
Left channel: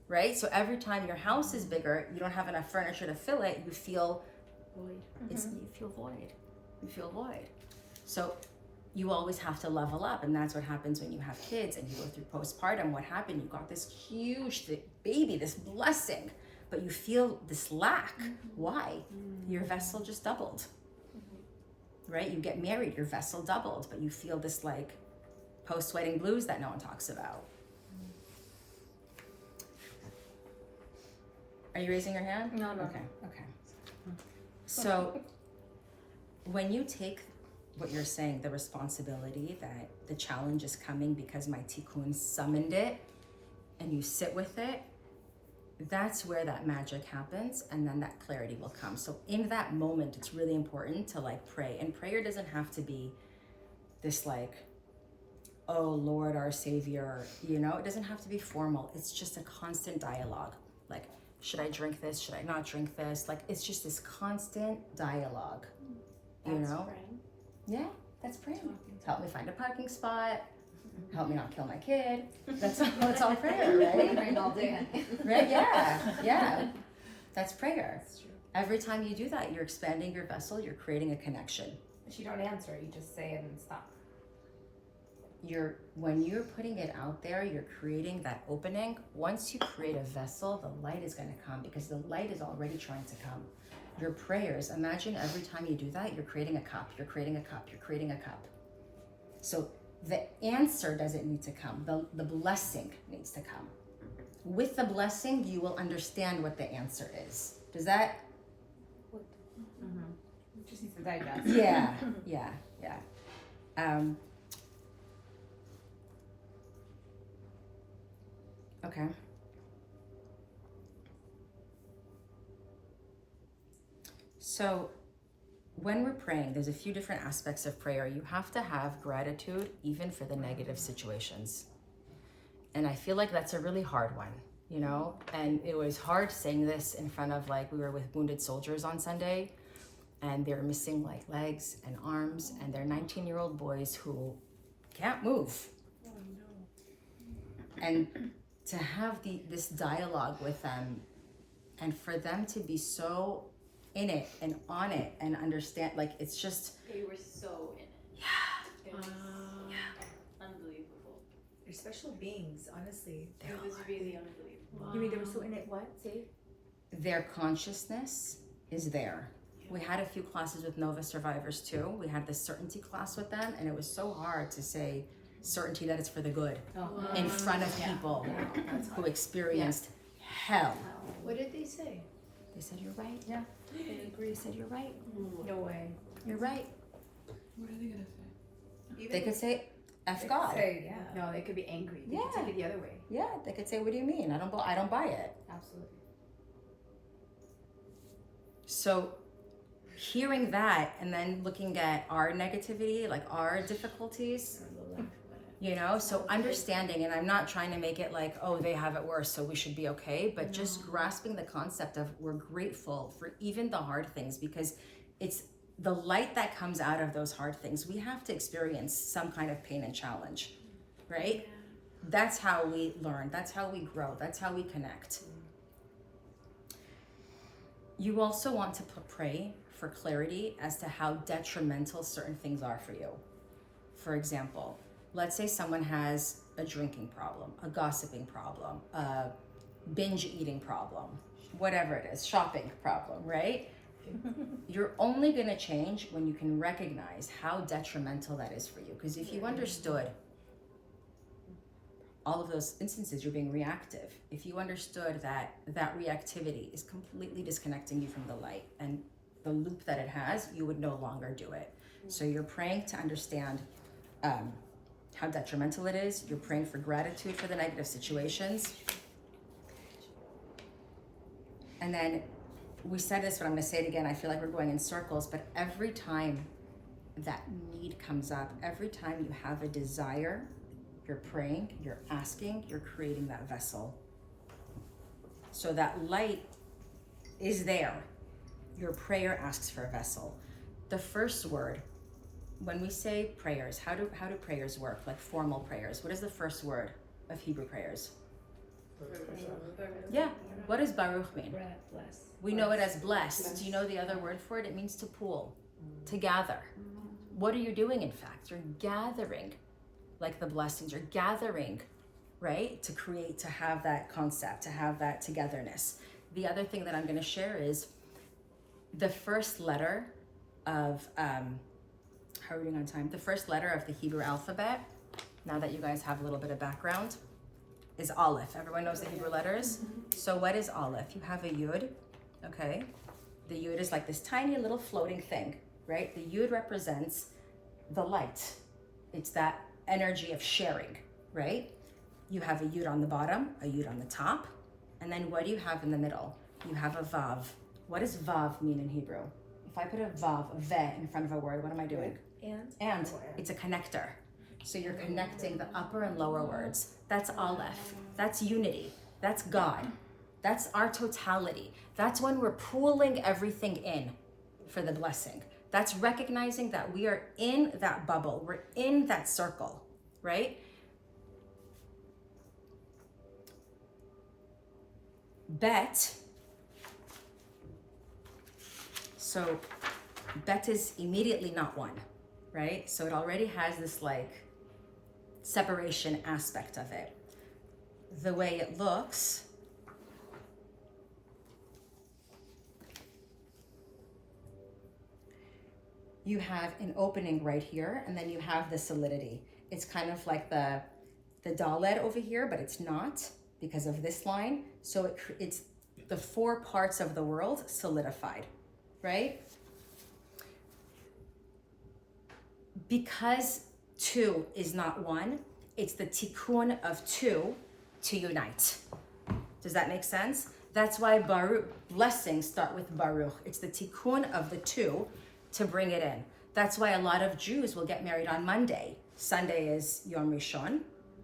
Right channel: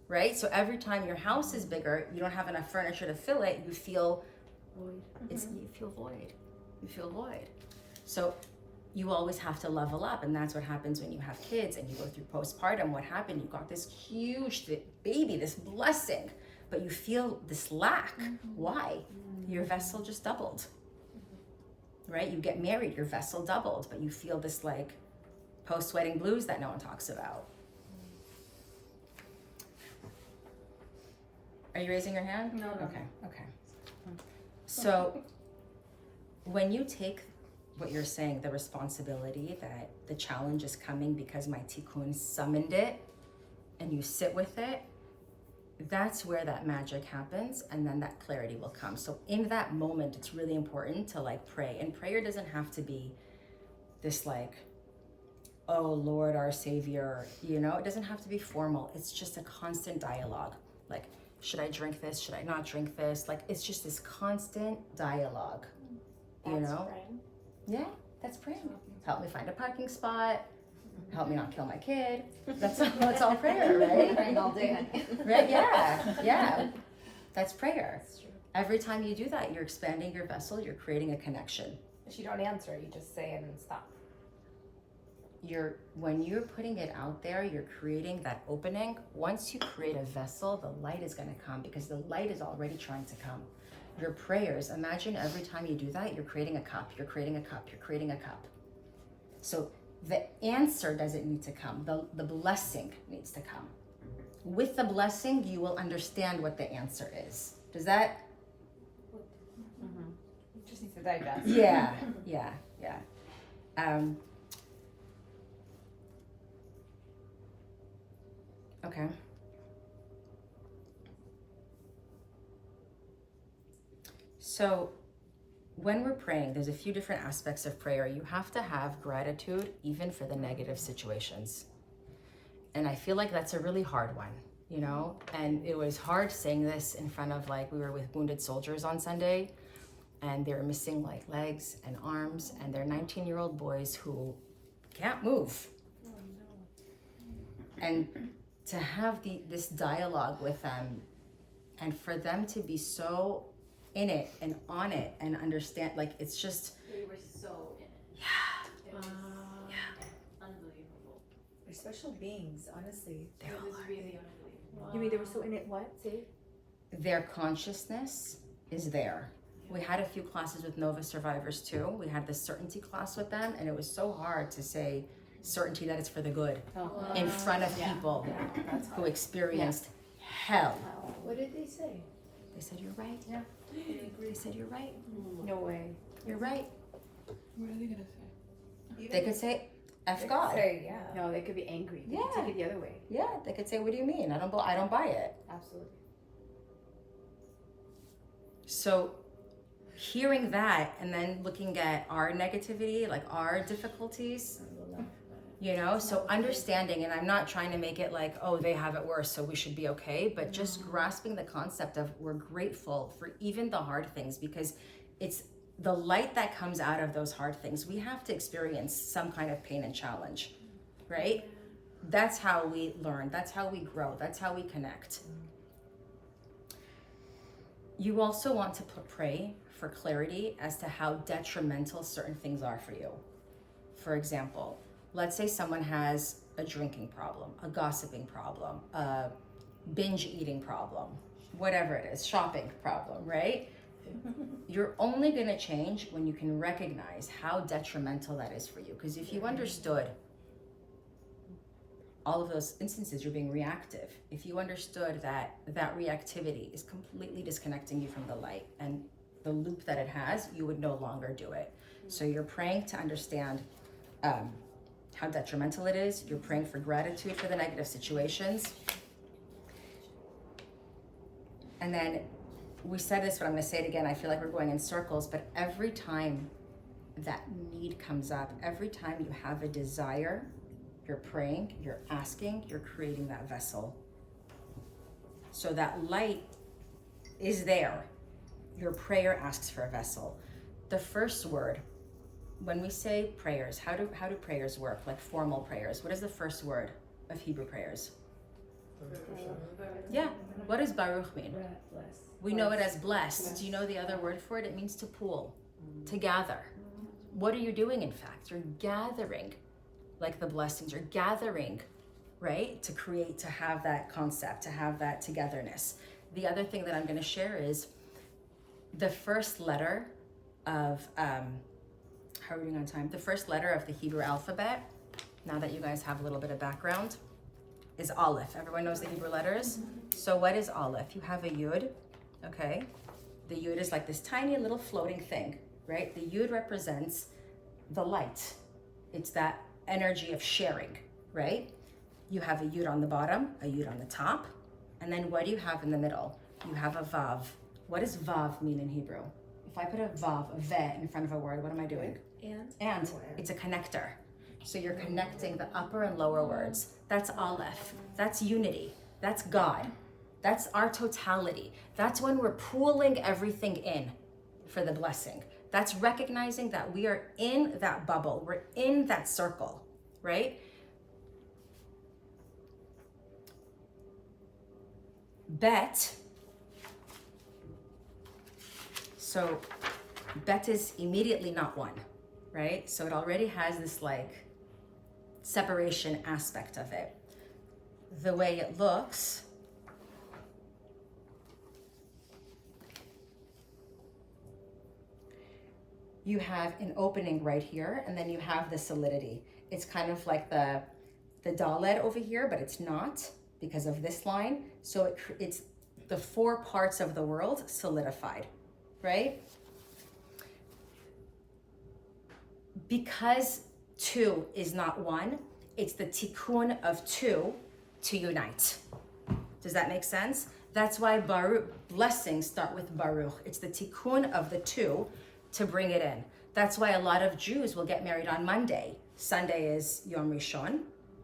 right? So every time your house is bigger, you don't have enough furniture to fill it, you feel void. You feel void. You feel void. So you always have to level up, and that's what happens when you have kids and you go through postpartum. What happened? You got this huge baby, this blessing, but you feel this lack. Why? Your vessel just doubled, right? You get married, your vessel doubled, but you feel this like post-wedding blues that no one talks about. Are you raising your hand? No. Okay. So when you take what you're saying, the responsibility that the challenge is coming because my tikkun summoned it, and you sit with it, that's where that magic happens, and then that clarity will come. So in that moment, it's really important to like pray. And prayer doesn't have to be this like, oh Lord, our Savior, it doesn't have to be formal. It's just a constant dialogue. Like, should I drink this? Should I not drink this? Like, it's just this constant dialogue, Praying. Yeah, that's praying. Help me find a parking spot. Help me not kill my kid. That's all prayer, right? Praying all day. Right? Yeah. That's prayer. That's true. Every time you do that, you're expanding your vessel. You're creating a connection. But you don't answer. You just say it and stop. When you're putting it out there, you're creating that opening. Once you create a vessel, the light is going to come because the light is already trying to come. Your prayers, imagine every time you do that, you're creating a cup, you're creating a cup, you're creating a cup. So the answer doesn't need to come, the blessing needs to come. With the blessing, you will understand what the answer is. Does that? Just needs to digest. Yeah. Okay. So when we're praying, there's a few different aspects of prayer. You have to have gratitude even for the negative situations. And I feel like that's a really hard one, And it was hard saying this in front of we were with wounded soldiers on Sunday, and they were missing legs and arms, and they're 19-year-old boys who can't move. Oh, no. And to have this dialogue with them, and for them to be so in it and on it and understand, it's just. They were so in it. Yeah. It was unbelievable. They're special beings, honestly. It was really unbelievable. Wow. You mean they were so in it? What? See? Their consciousness is there. We had a few classes with Nova survivors too. We had the certainty class with them, and it was so hard to say certainty that it's for the good in front of people who experienced hell. What did they say? They said, you're right. Yeah. They said, you're right. No way. You're right. What are they gonna say? They could say, F God. No, they could be angry. They Yeah. could take it the other way. Yeah, they could say, what do you mean? I don't buy it. Absolutely. So hearing that and then looking at our negativity, our difficulties, so understanding, and I'm not trying to make it they have it worse, so we should be okay, but just grasping the concept of we're grateful for even the hard things, because it's the light that comes out of those hard things. We have to experience some kind of pain and challenge, right? Yeah. That's how we learn. That's how we grow. That's how we connect. You also want to pray for clarity as to how detrimental certain things are for you. For example, let's say someone has a drinking problem, a gossiping problem, binge eating problem, whatever it is, shopping problem, right? You're only going to change when you can recognize how detrimental that is for you. Because if you understood all of those instances, you're being reactive. If you understood that that reactivity is completely disconnecting you from the light and the loop that it has, you would no longer do it. So you're praying to understand how detrimental it is. You're praying for gratitude for the negative situations. And then we said this, but I'm going to say it again. I feel like we're going in circles, but every time that need comes up, every time you have a desire, you're praying, you're asking, you're creating that vessel. So that light is there. Your prayer asks for a vessel. The first word, when we say prayers, how do prayers work? Like formal prayers. What is the first word of Hebrew prayers? Yeah. What does Baruch mean? Bless. We know it as blessed. Do you know the other word for it? It means to pool, to gather. What are you doing, in fact? You're gathering, like the blessings. You're gathering, right? To create, to have that concept, to have that togetherness. The other thing that I'm going to share is the first letter of, how are we doing on time? The first letter of the Hebrew alphabet, now that you guys have a little bit of background, is Aleph. Everyone knows the Hebrew letters? So what is Aleph? You have a Yud, okay? The Yud is like this tiny little floating thing, right? The Yud represents the light. It's that energy of sharing, right? You have a Yud on the bottom, a Yud on the top, and then what do you have in the middle? You have a Vav. What does Vav mean in Hebrew? If I put a Vav, a Ve, in front of a word, what am I doing? And it's a connector. So you're connecting the upper and lower words. That's Aleph. That's unity. That's God. That's our totality. That's when we're pooling everything in for the blessing. That's recognizing that we are in that bubble. We're in that circle, right? Bet. So bet is immediately not one, right? So it already has this like separation aspect of it. The way it looks, you have an opening right here, and then you have the solidity. It's kind of like the Dalet over here, but it's not because of this line. So it's the four parts of the world solidified, right? Because two is not one, it's the tikkun of two to unite. Does that make sense? That's why Baruch, blessings start with Baruch. It's the tikkun of the two to bring it in. That's why a lot of Jews will get married on Monday. Sunday is Yom Rishon.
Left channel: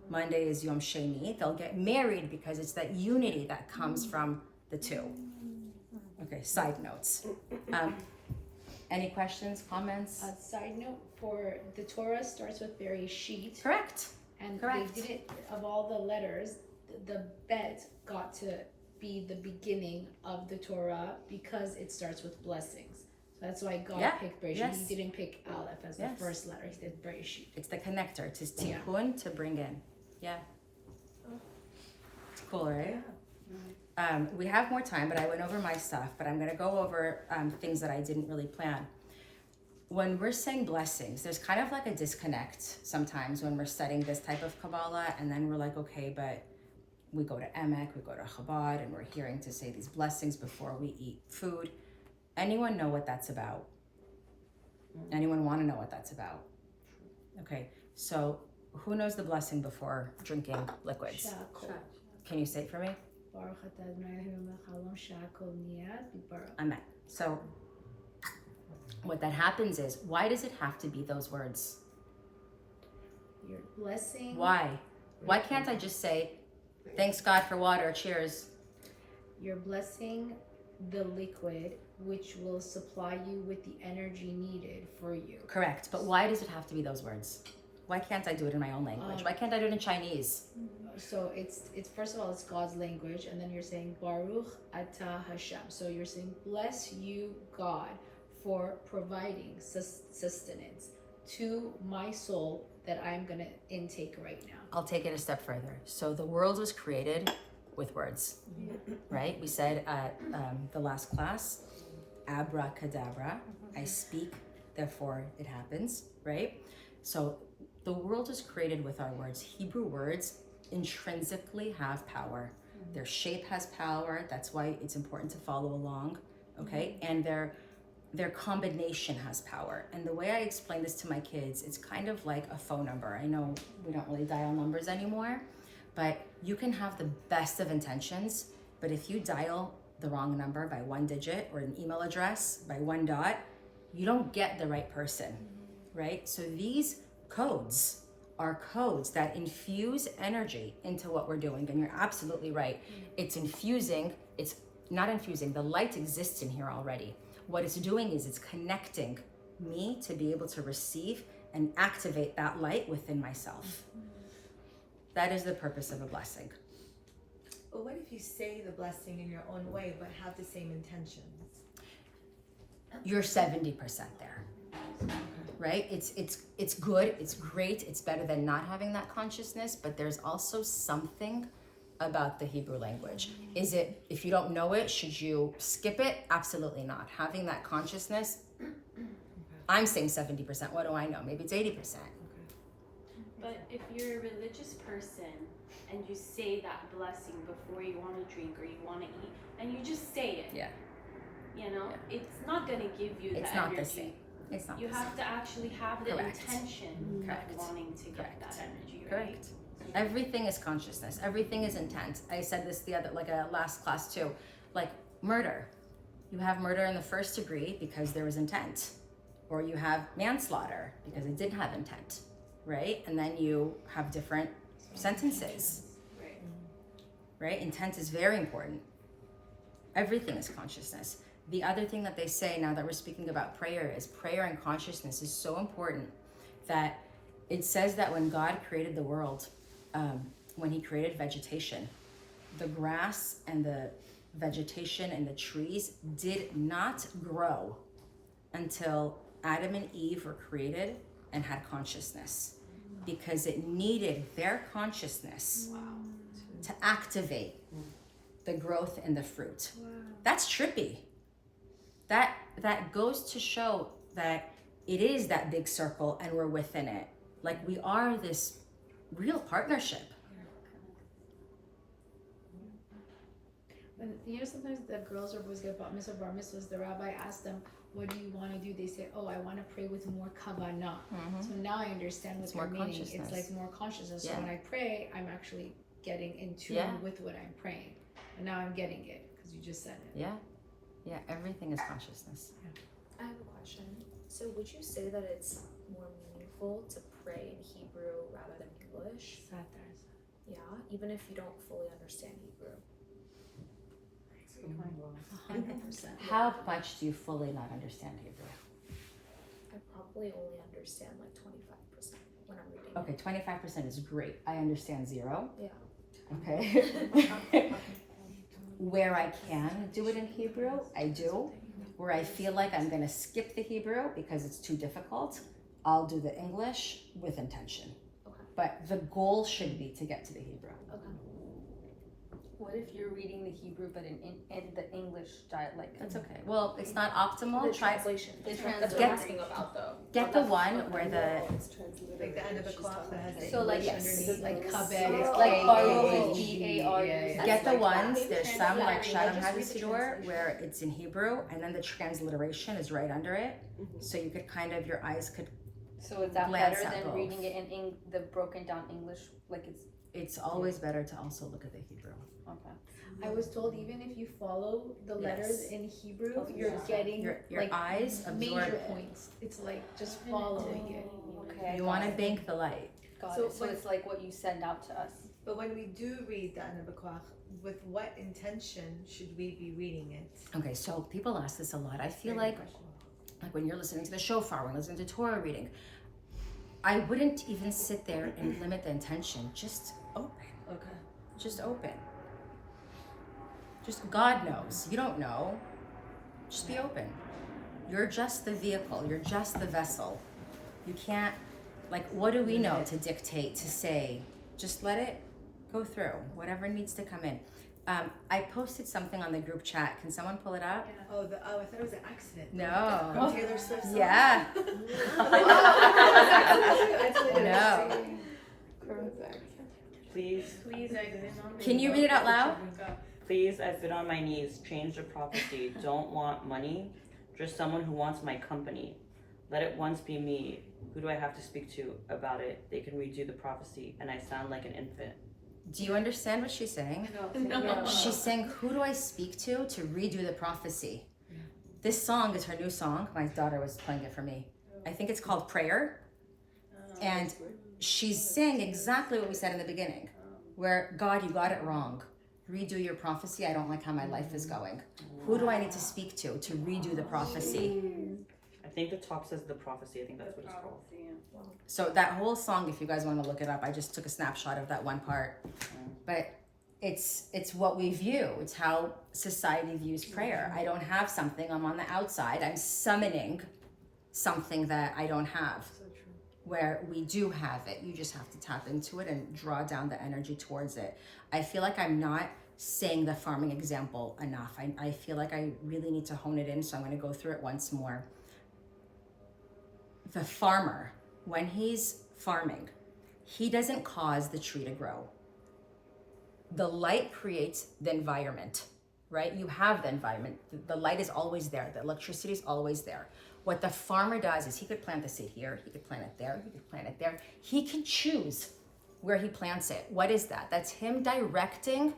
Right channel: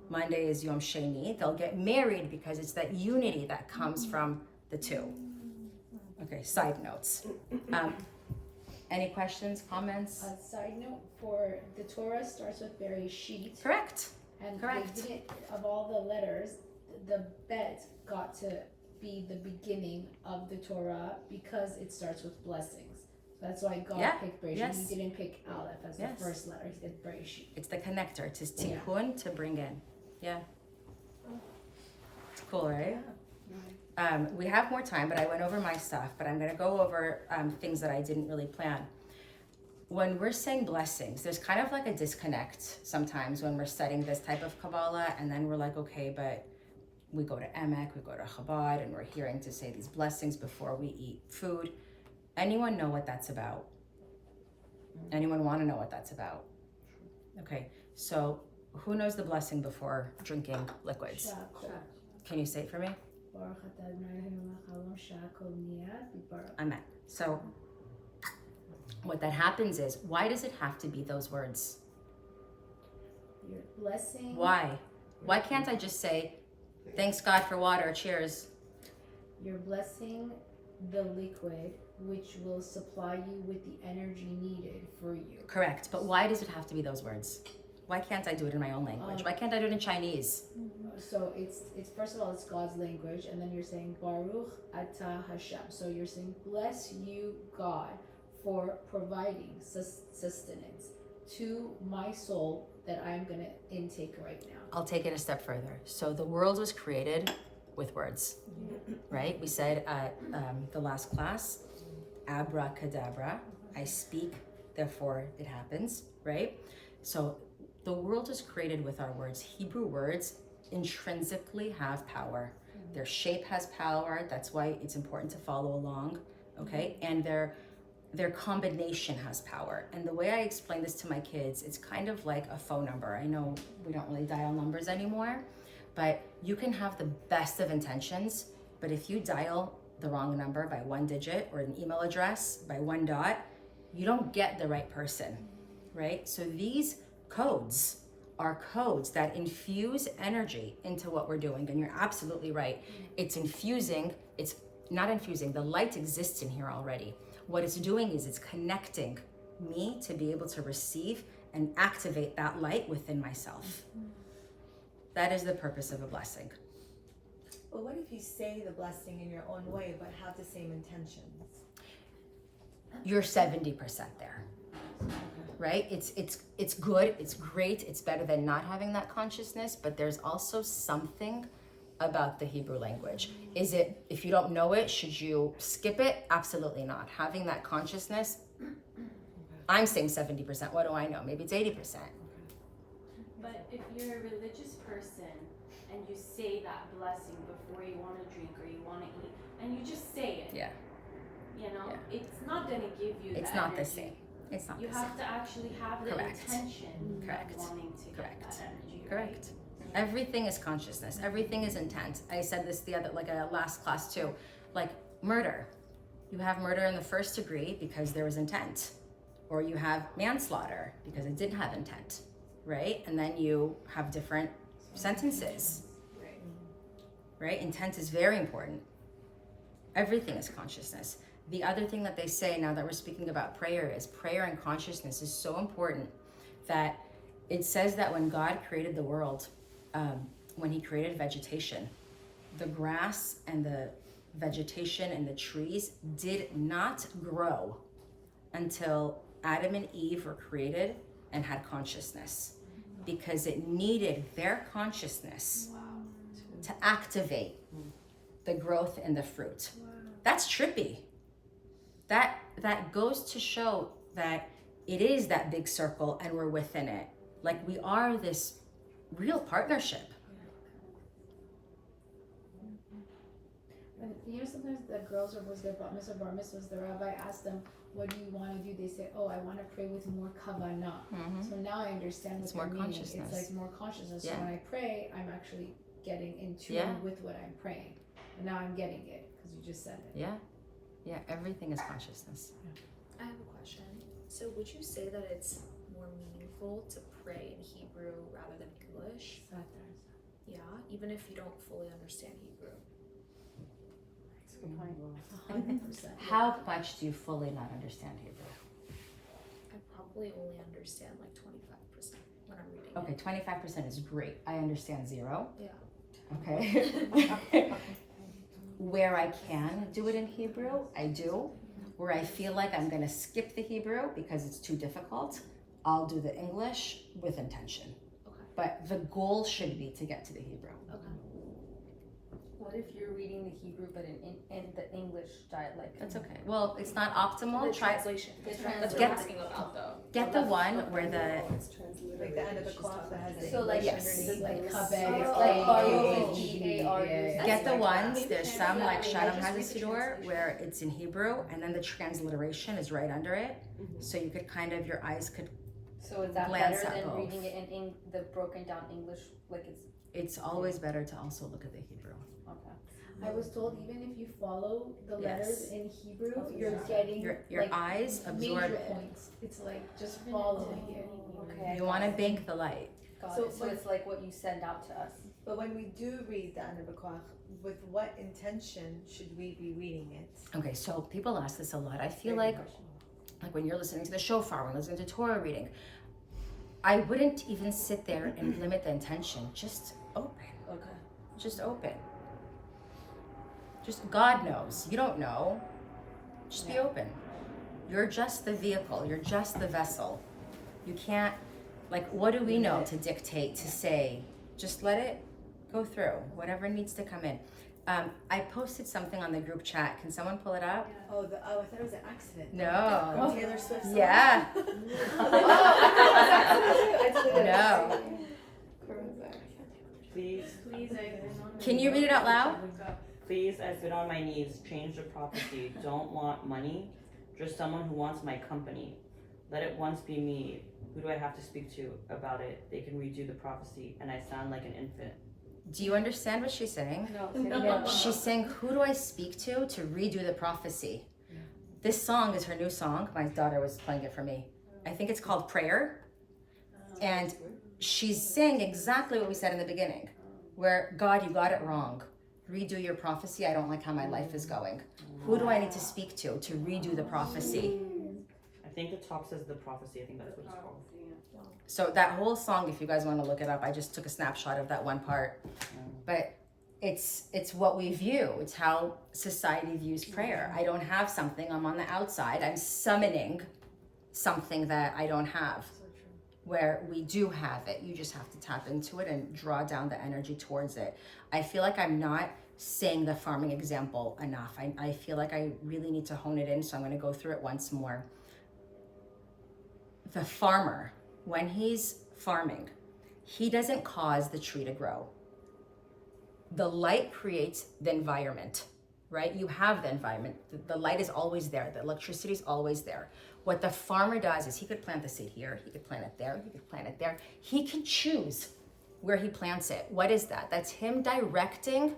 Monday is Yom Sheni. They'll get married because it's that unity that comes from the two. Okay, side notes. Any questions, comments? A side note, for the Torah starts with Bereshit. Correct. And Correct. they didn't, of all the letters, the bet got to be the beginning of the Torah because it starts with blessings. So that's why God picked Bereshit. Yes. He didn't pick Aleph as the first letter. He did Bereshit. It's the connector. It's tikkun to bring in. Yeah. It's cool, right? We have more time, but I went over my stuff, but I'm going to go over things that I didn't really plan. When we're saying blessings, there's kind of like a disconnect sometimes when we're studying this type of Kabbalah, and then we're like, okay, but we go to Emek, we go to Chabad, and we're hearing to say these blessings before we eat food. Anyone know what that's about? Anyone want to know what that's about? Okay, so who knows the blessing before drinking liquids? Can you say it for me? Amen. So what that happens is, why does it have to be those words? Your blessing. Why? Why can't I just say, thanks God for water, cheers? You're blessing the liquid, which will supply you with the energy needed for you. Correct. But why does it have to be those words? Why can't I do it in my own language? Why can't I do it in Chinese? So it's first of all, it's God's language, and then you're saying Baruch Atah Hashem. So you're saying, bless you, God, for providing sustenance to my soul that I'm gonna intake right now. I'll take it a step further. So the world was created with words, right? We said at the last class, abracadabra, I speak, therefore it happens, right? So the world is created with our words. Hebrew words intrinsically have power. Their shape has power. That's why it's important to follow along, okay? And their combination has power. And the way I explain this to my kids, it's kind of like a phone number. I know we don't really dial numbers anymore, but you can have the best of intentions, but if you dial the wrong number by one digit or an email address by one dot, you don't get the right person, right? So these codes are codes that infuse energy into what we're doing. And you're absolutely right. It's not infusing, the light exists in here already. What it's doing is it's connecting me to be able to receive and activate that light within myself. That is the purpose of a blessing. But what if you say the blessing in your own way but have the same intentions? You're 70% there, right? It's good, it's great, it's better than not having that consciousness, but there's also something about the Hebrew language. Is it, if you don't know it, should you skip it? Absolutely not. Having that consciousness, I'm saying 70%, what do I know? Maybe it's 80%. But if you're a religious person and you say that blessing before you want to drink or you want to eat, and you just say it, Yeah. you know, it's not going to give you It's the not the energy. same. It's not You the have same. to actually have the Correct. intention Correct. of wanting to Correct. get that energy, right? Correct. Everything is consciousness. Everything is intent. I said this the other, last class too. Like murder. You have murder in the first degree because there was intent. Or you have manslaughter because it didn't have intent, right? And then you have different sentences, right? Intent is very important. Everything is consciousness. The other thing that they say now that we're speaking about prayer is prayer and consciousness is so important that it says that when God created the world, when he created vegetation, the grass and the vegetation and the trees did not grow until Adam and Eve were created and had consciousness, because it needed their consciousness to activate the growth and the fruit. That's trippy. That goes to show that it is that big circle and we're within it. Like we are this real partnership. And you know, sometimes the girls or boys get bat mitzvah, bar mitzvahs, the rabbi asks them, what do you want to do? They say, oh, I want to pray with more kavanah. So now I understand what It's they're more meaning. consciousness. It's like more consciousness. Yeah. So when I pray, I'm actually getting in tune Yeah. with what I'm praying. And now I'm getting it because you just said it. Yeah, everything is consciousness. I have a question. So would you say that it's more meaningful to pray in Hebrew rather than English? Yeah, even if you don't fully understand Hebrew. 100%. How much do you fully not understand Hebrew? I probably only understand like 25% when I'm reading. Okay, 25% is great. I understand 0. Yeah. Okay. Where I can do it in Hebrew, I do. Where I feel like I'm going to skip the Hebrew because it's too difficult, I'll do the English with intention. Okay. But the goal should be to get to the Hebrew. What if you're reading the Hebrew but in the English dialect? That's okay. Well, it's not optimal. Try translation. That's Get- what I'm asking about though. get the one where the Like the end of the clock that has the So, like, English yes. underneath. Like kabed, Like K-A-B-E-D. R-O-E-A-R. get the Like ones. that. There's some like Shalom has a siddur where it's in Hebrew and then the transliteration is right under it, so you could kind of your eyes could. So is that Glance better at than both. reading it in the broken down English? Like It's always better to also look at the Hebrew. I was told even if you follow the letters Yes. in Hebrew, you're getting Your like eyes absorb major it. points. It's like just following it. Okay. You want to bank the light. So So it's like what you send out to us. But when we do read the end of the clock, with what intention should we be reading it? Okay, so people ask this a lot. I feel like when you're listening to the shofar, when you're listening to Torah reading, I wouldn't even sit there and limit the intention. Just open. Okay. Just open. Just God knows. You don't know. Just be open. You're just the vehicle. You're just the vessel. You can't, like, what do we know to dictate, to say? Just let it go through, whatever needs to come in. I posted something on the group chat. Can someone pull it up? Oh, I thought it was an accident. No. From Taylor Swift. Song. Yeah. No. Please, Can you read it out loud? please, I've been on my knees. Change the prophecy. Don't want money, just someone who wants my company. Let it once be me. Who do I have to speak to about it? They can redo the prophecy, and I sound like an infant. Do you understand what she's saying? No. She's saying, who do I speak to redo the prophecy? This song is her new song. My daughter was playing it for me. I think it's called Prayer. And she's saying exactly what we said in the beginning, where, God, you got it wrong. Redo your prophecy. I don't like how my life is going. Who do I need to speak to redo the prophecy? I think the top says the prophecy. I think that's what it's called. So that whole song, if you guys want to look it up, I just took a snapshot of that one part. But it's what we view. It's how society views prayer. I don't have something. I'm on the outside. I'm summoning something that I don't have. Where we do have it. You just have to tap into it and draw down the energy towards it. I feel like I'm not saying the farming example enough. I feel like I really need to hone it in, so I'm going to go through it once more. The farmer, when he's farming, he doesn't cause the tree to grow. The light creates the environment, right? You have the environment. The light is always there. The electricity is always there. What the farmer does is he could plant the seed here, he could plant it there, he could plant it there. He can choose where he plants it. What is that? That's him directing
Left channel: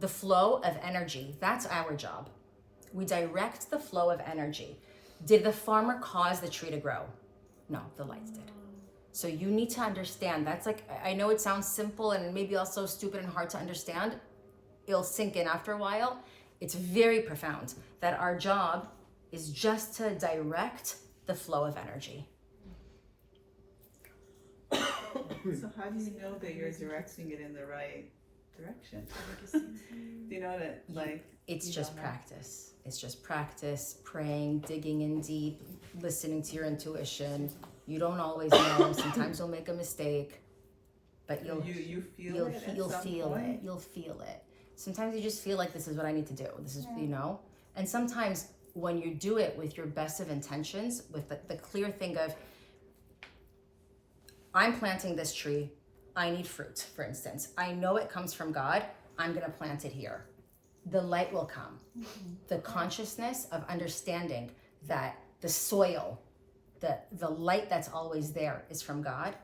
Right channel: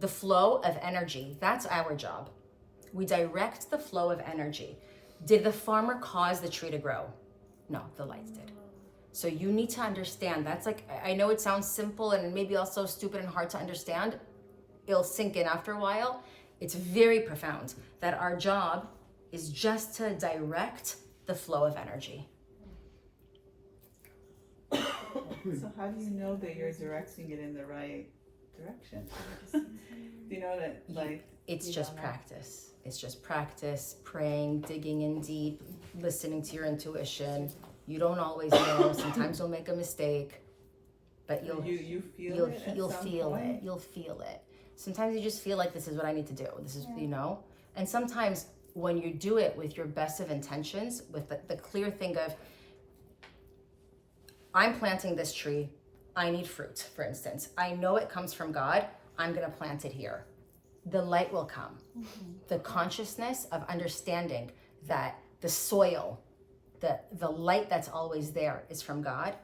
the flow of energy. That's our job. We direct the flow of energy. Did the farmer cause the tree to grow? No, the lights did. So you need to understand, that's like, I know it sounds simple and maybe also stupid and hard to understand. It'll sink in after a while. It's very profound that our job is just to direct the flow of energy. So how do you know that you're directing it in the right direction? Do you know that, like... It's just practice. It's just practice, praying, digging in deep, listening to your intuition. You don't always know. Sometimes you'll make a mistake, but you'll feel it. Sometimes you just feel like this is what I need to do. This is, you know? And sometimes when you do it with your best of intentions, with the clear thing of, I'm planting this tree, I need fruit, for instance. I know it comes from God, I'm gonna plant it here. The light will come. The consciousness of understanding that the soil, the light that's always there is from God,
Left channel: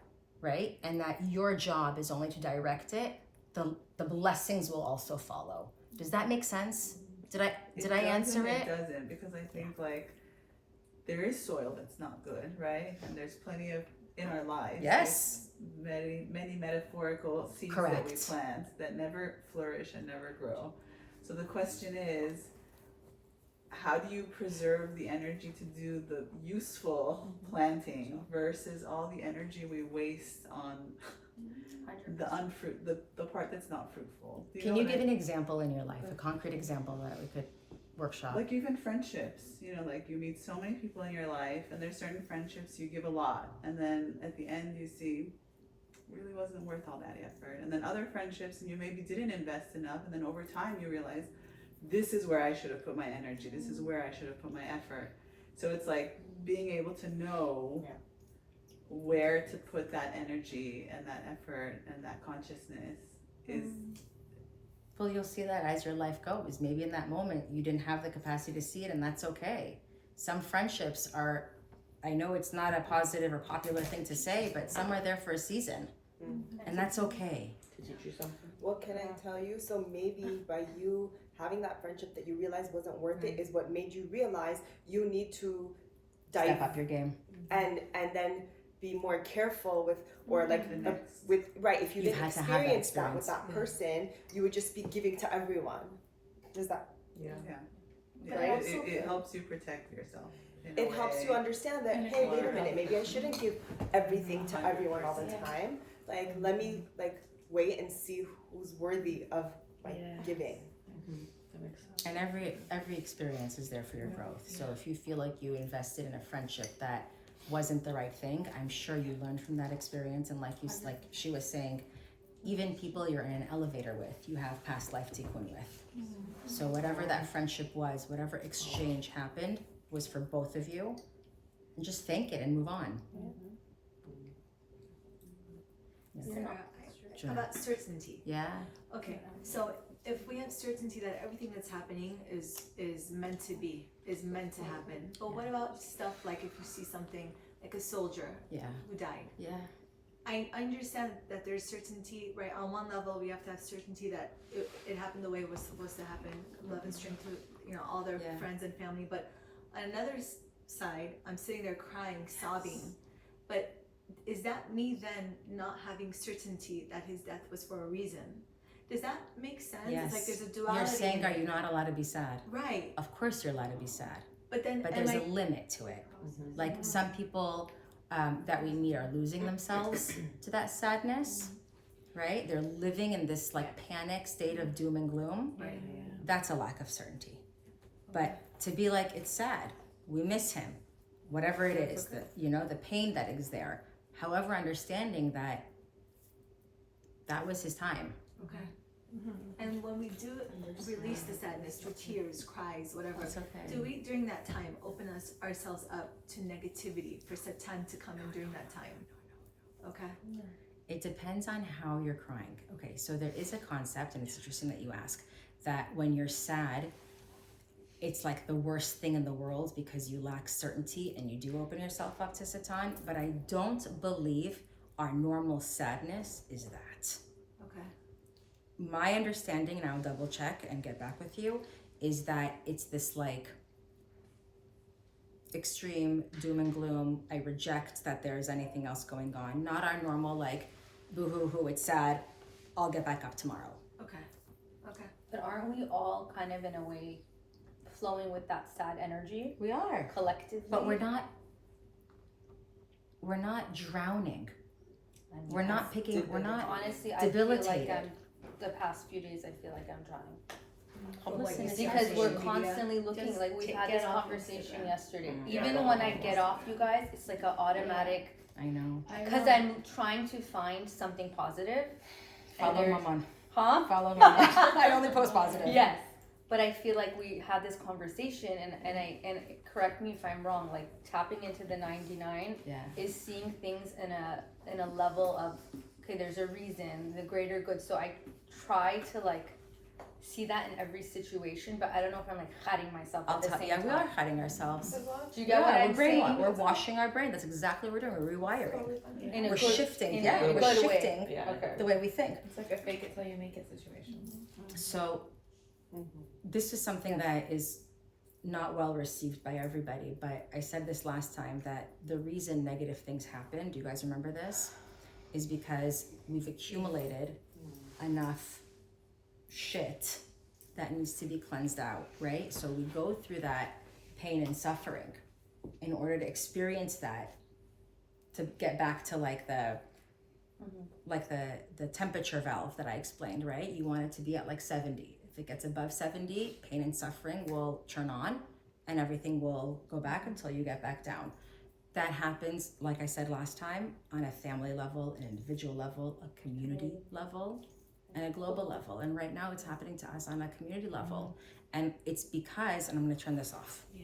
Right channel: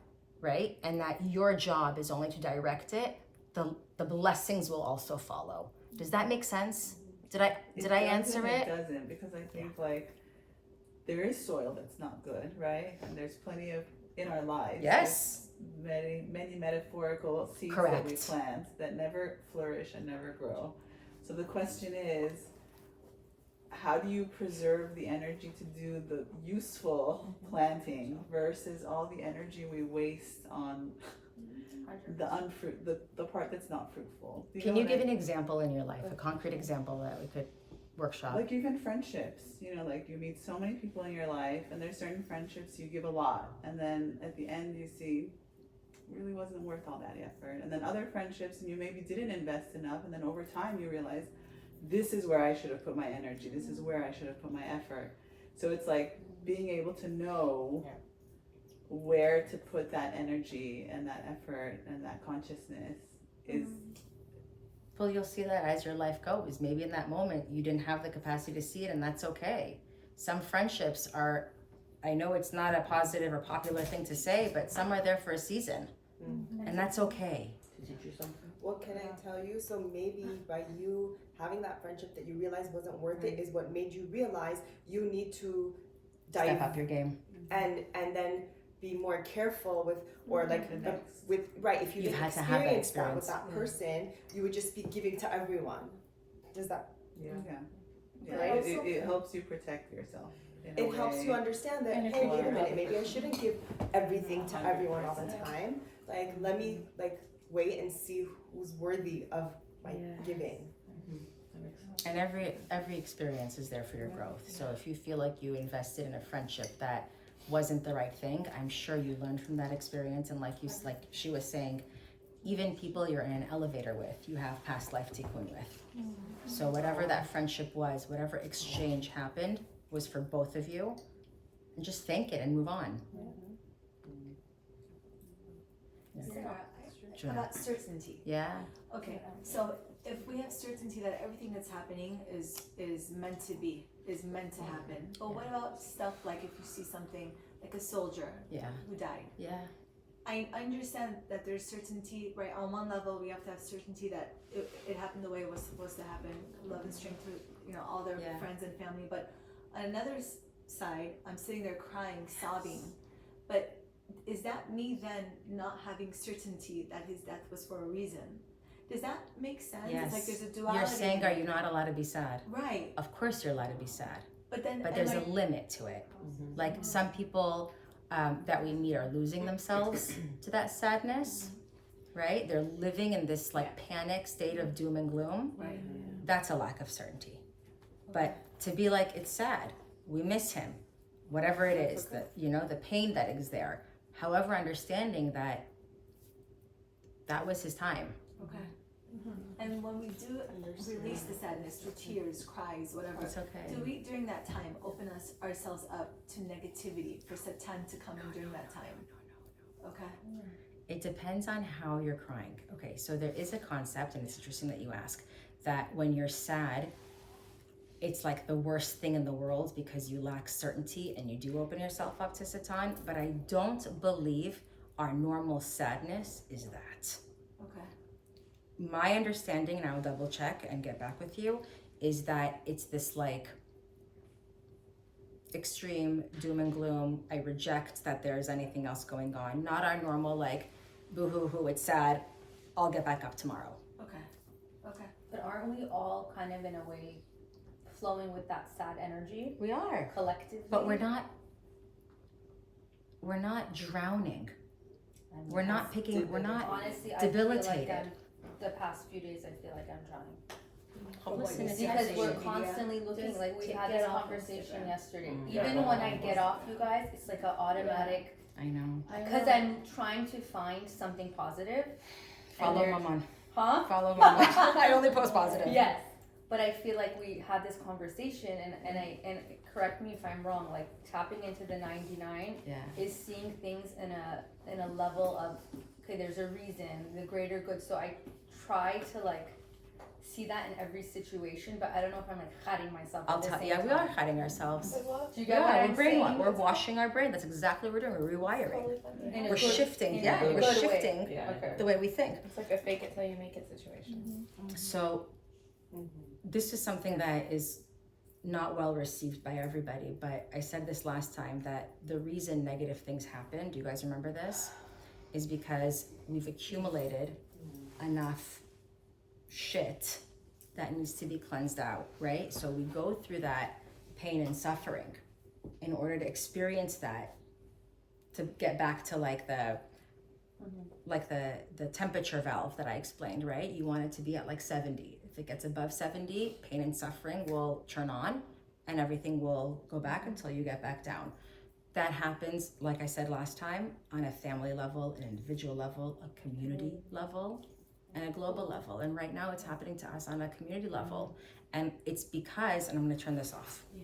right? And that your job is only to direct it. The blessings will also follow. Does that make sense? Did I answer it? It doesn't, because I think like there is soil that's not good, right? And there's plenty of in our lives. Yes. Many metaphorical seeds Correct. that we plant that never flourish and never grow. So the question is, how do you preserve the energy to do the useful planting versus all the energy we waste on the part that's not fruitful? Can you give an example in your life, a concrete example that we could workshop? Like even friendships, like you meet so many people in your life, and there's certain friendships you give a lot, and then at the end you see really wasn't worth all that effort. And then other friendships, and you maybe didn't invest enough, and then over time you realize this is where I should have put my energy, this is where I should have put my effort. So it's like being able to know where to put that energy and that effort and that consciousness is... Well, you'll see that as your life goes. Maybe in that moment you didn't have the capacity to see it, and that's okay. Some friendships are, I know it's not a positive or popular thing to say, but some are there for a season, and that's okay. To teach you something? What can I tell you? So maybe by you having that friendship that you realized wasn't worth it is what made you realize you need to Step up your game. and then be more careful with, or like with, right, if you You've didn't had to have that experience that with experience. that person, you would just be giving to everyone. Does that? Yeah. Right? It helps you protect yourself. It helps you understand that, hey, wait a minute, maybe I shouldn't give everything to everyone all the time. Like, let me wait and see who's worthy of giving. And every experience is there for your growth. So if you feel like you invested in a friendship that wasn't the right thing, I'm sure you learned from that experience. And like she was saying, even people you're in an elevator with, you have past life tikkun with. So whatever that friendship was, whatever exchange happened was for both of you, and just thank it and move on. How about certainty? Yeah. Okay, so if we have certainty that everything that's happening is meant to be, is meant to happen, but what about stuff like if you see something like a soldier who died? Yeah. I understand that there's certainty, right? On one level, we have to have certainty that it happened the way it was supposed to happen, love and strength to all their friends and family. But on another side, I'm sitting there crying, sobbing. But is that me then not having certainty that his death was for a reason? Does that make sense? Yes. It's like there's a duality. You're saying, are you not allowed to be sad? Right. Of course you're allowed to be sad. But there's a limit to it. Like some people that we meet are losing themselves to that sadness, right? They're living in this like panic state of doom and gloom. Right. That's a lack of certainty. But to be like, it's sad, we miss him, whatever it is, that the pain that is there. However, understanding that was his time. Okay. And when we do release the sadness through tears, cries, whatever, It's okay. do we during that time open ourselves up to negativity for Satan to come in during that time? Okay. It depends on how you're crying. Okay, so there is a concept, and it's interesting that you ask, that when you're sad, it's like the worst thing in the world because you lack certainty and you do open yourself up to Satan. But I don't believe our normal sadness is that. Okay. My understanding, and I'll double check and get back with you, is that it's this like extreme doom and gloom. I reject that there's anything else going on. Not our normal like, boo-hoo-hoo, it's sad, I'll get back up tomorrow. Okay. Okay. But aren't we all kind of in a way flowing with that sad energy? We are. Collectively. But we're not drowning. We're not picking, we're not honestly, debilitated. I feel like the past few days, I feel like I'm drowning. Hopelessness Because is we're constantly looking, like we had this conversation yesterday. Even when I get off you guys, it's like an automatic. I know. Because I'm trying to find something positive. Follow Maman. Huh? Follow Maman. I only post positive. Yes. But I feel like we had this conversation, and correct me if I'm wrong. Like tapping into the 99 is seeing things in a level of okay, there's a reason, the greater good. So I try to like see that in every situation, but I don't know if I'm like hiding myself. I'll tell you, we are hiding ourselves. Do you get what I'm we're saying? we're washing our brain. That's exactly what we're doing. We're rewiring. We're shifting. We're shifting the way we think. It's like a fake it till you make it situation. So this is something that is not well received by everybody, but I said this last time that the reason negative things happen, do you guys remember this? Is because we've accumulated enough shit that needs to be cleansed out, right? So we go through that pain and suffering in order to experience that, to get back to like the temperature valve that I explained, right? You want it to be at like 70. If it gets above 70, pain and suffering will turn on and everything will go back until you get back down. That happens, like I said last time, on a family level, an individual level, a community level, and a global level. And right now it's happening to us on a community level. And it's because, and I'm gonna turn this off. Yeah.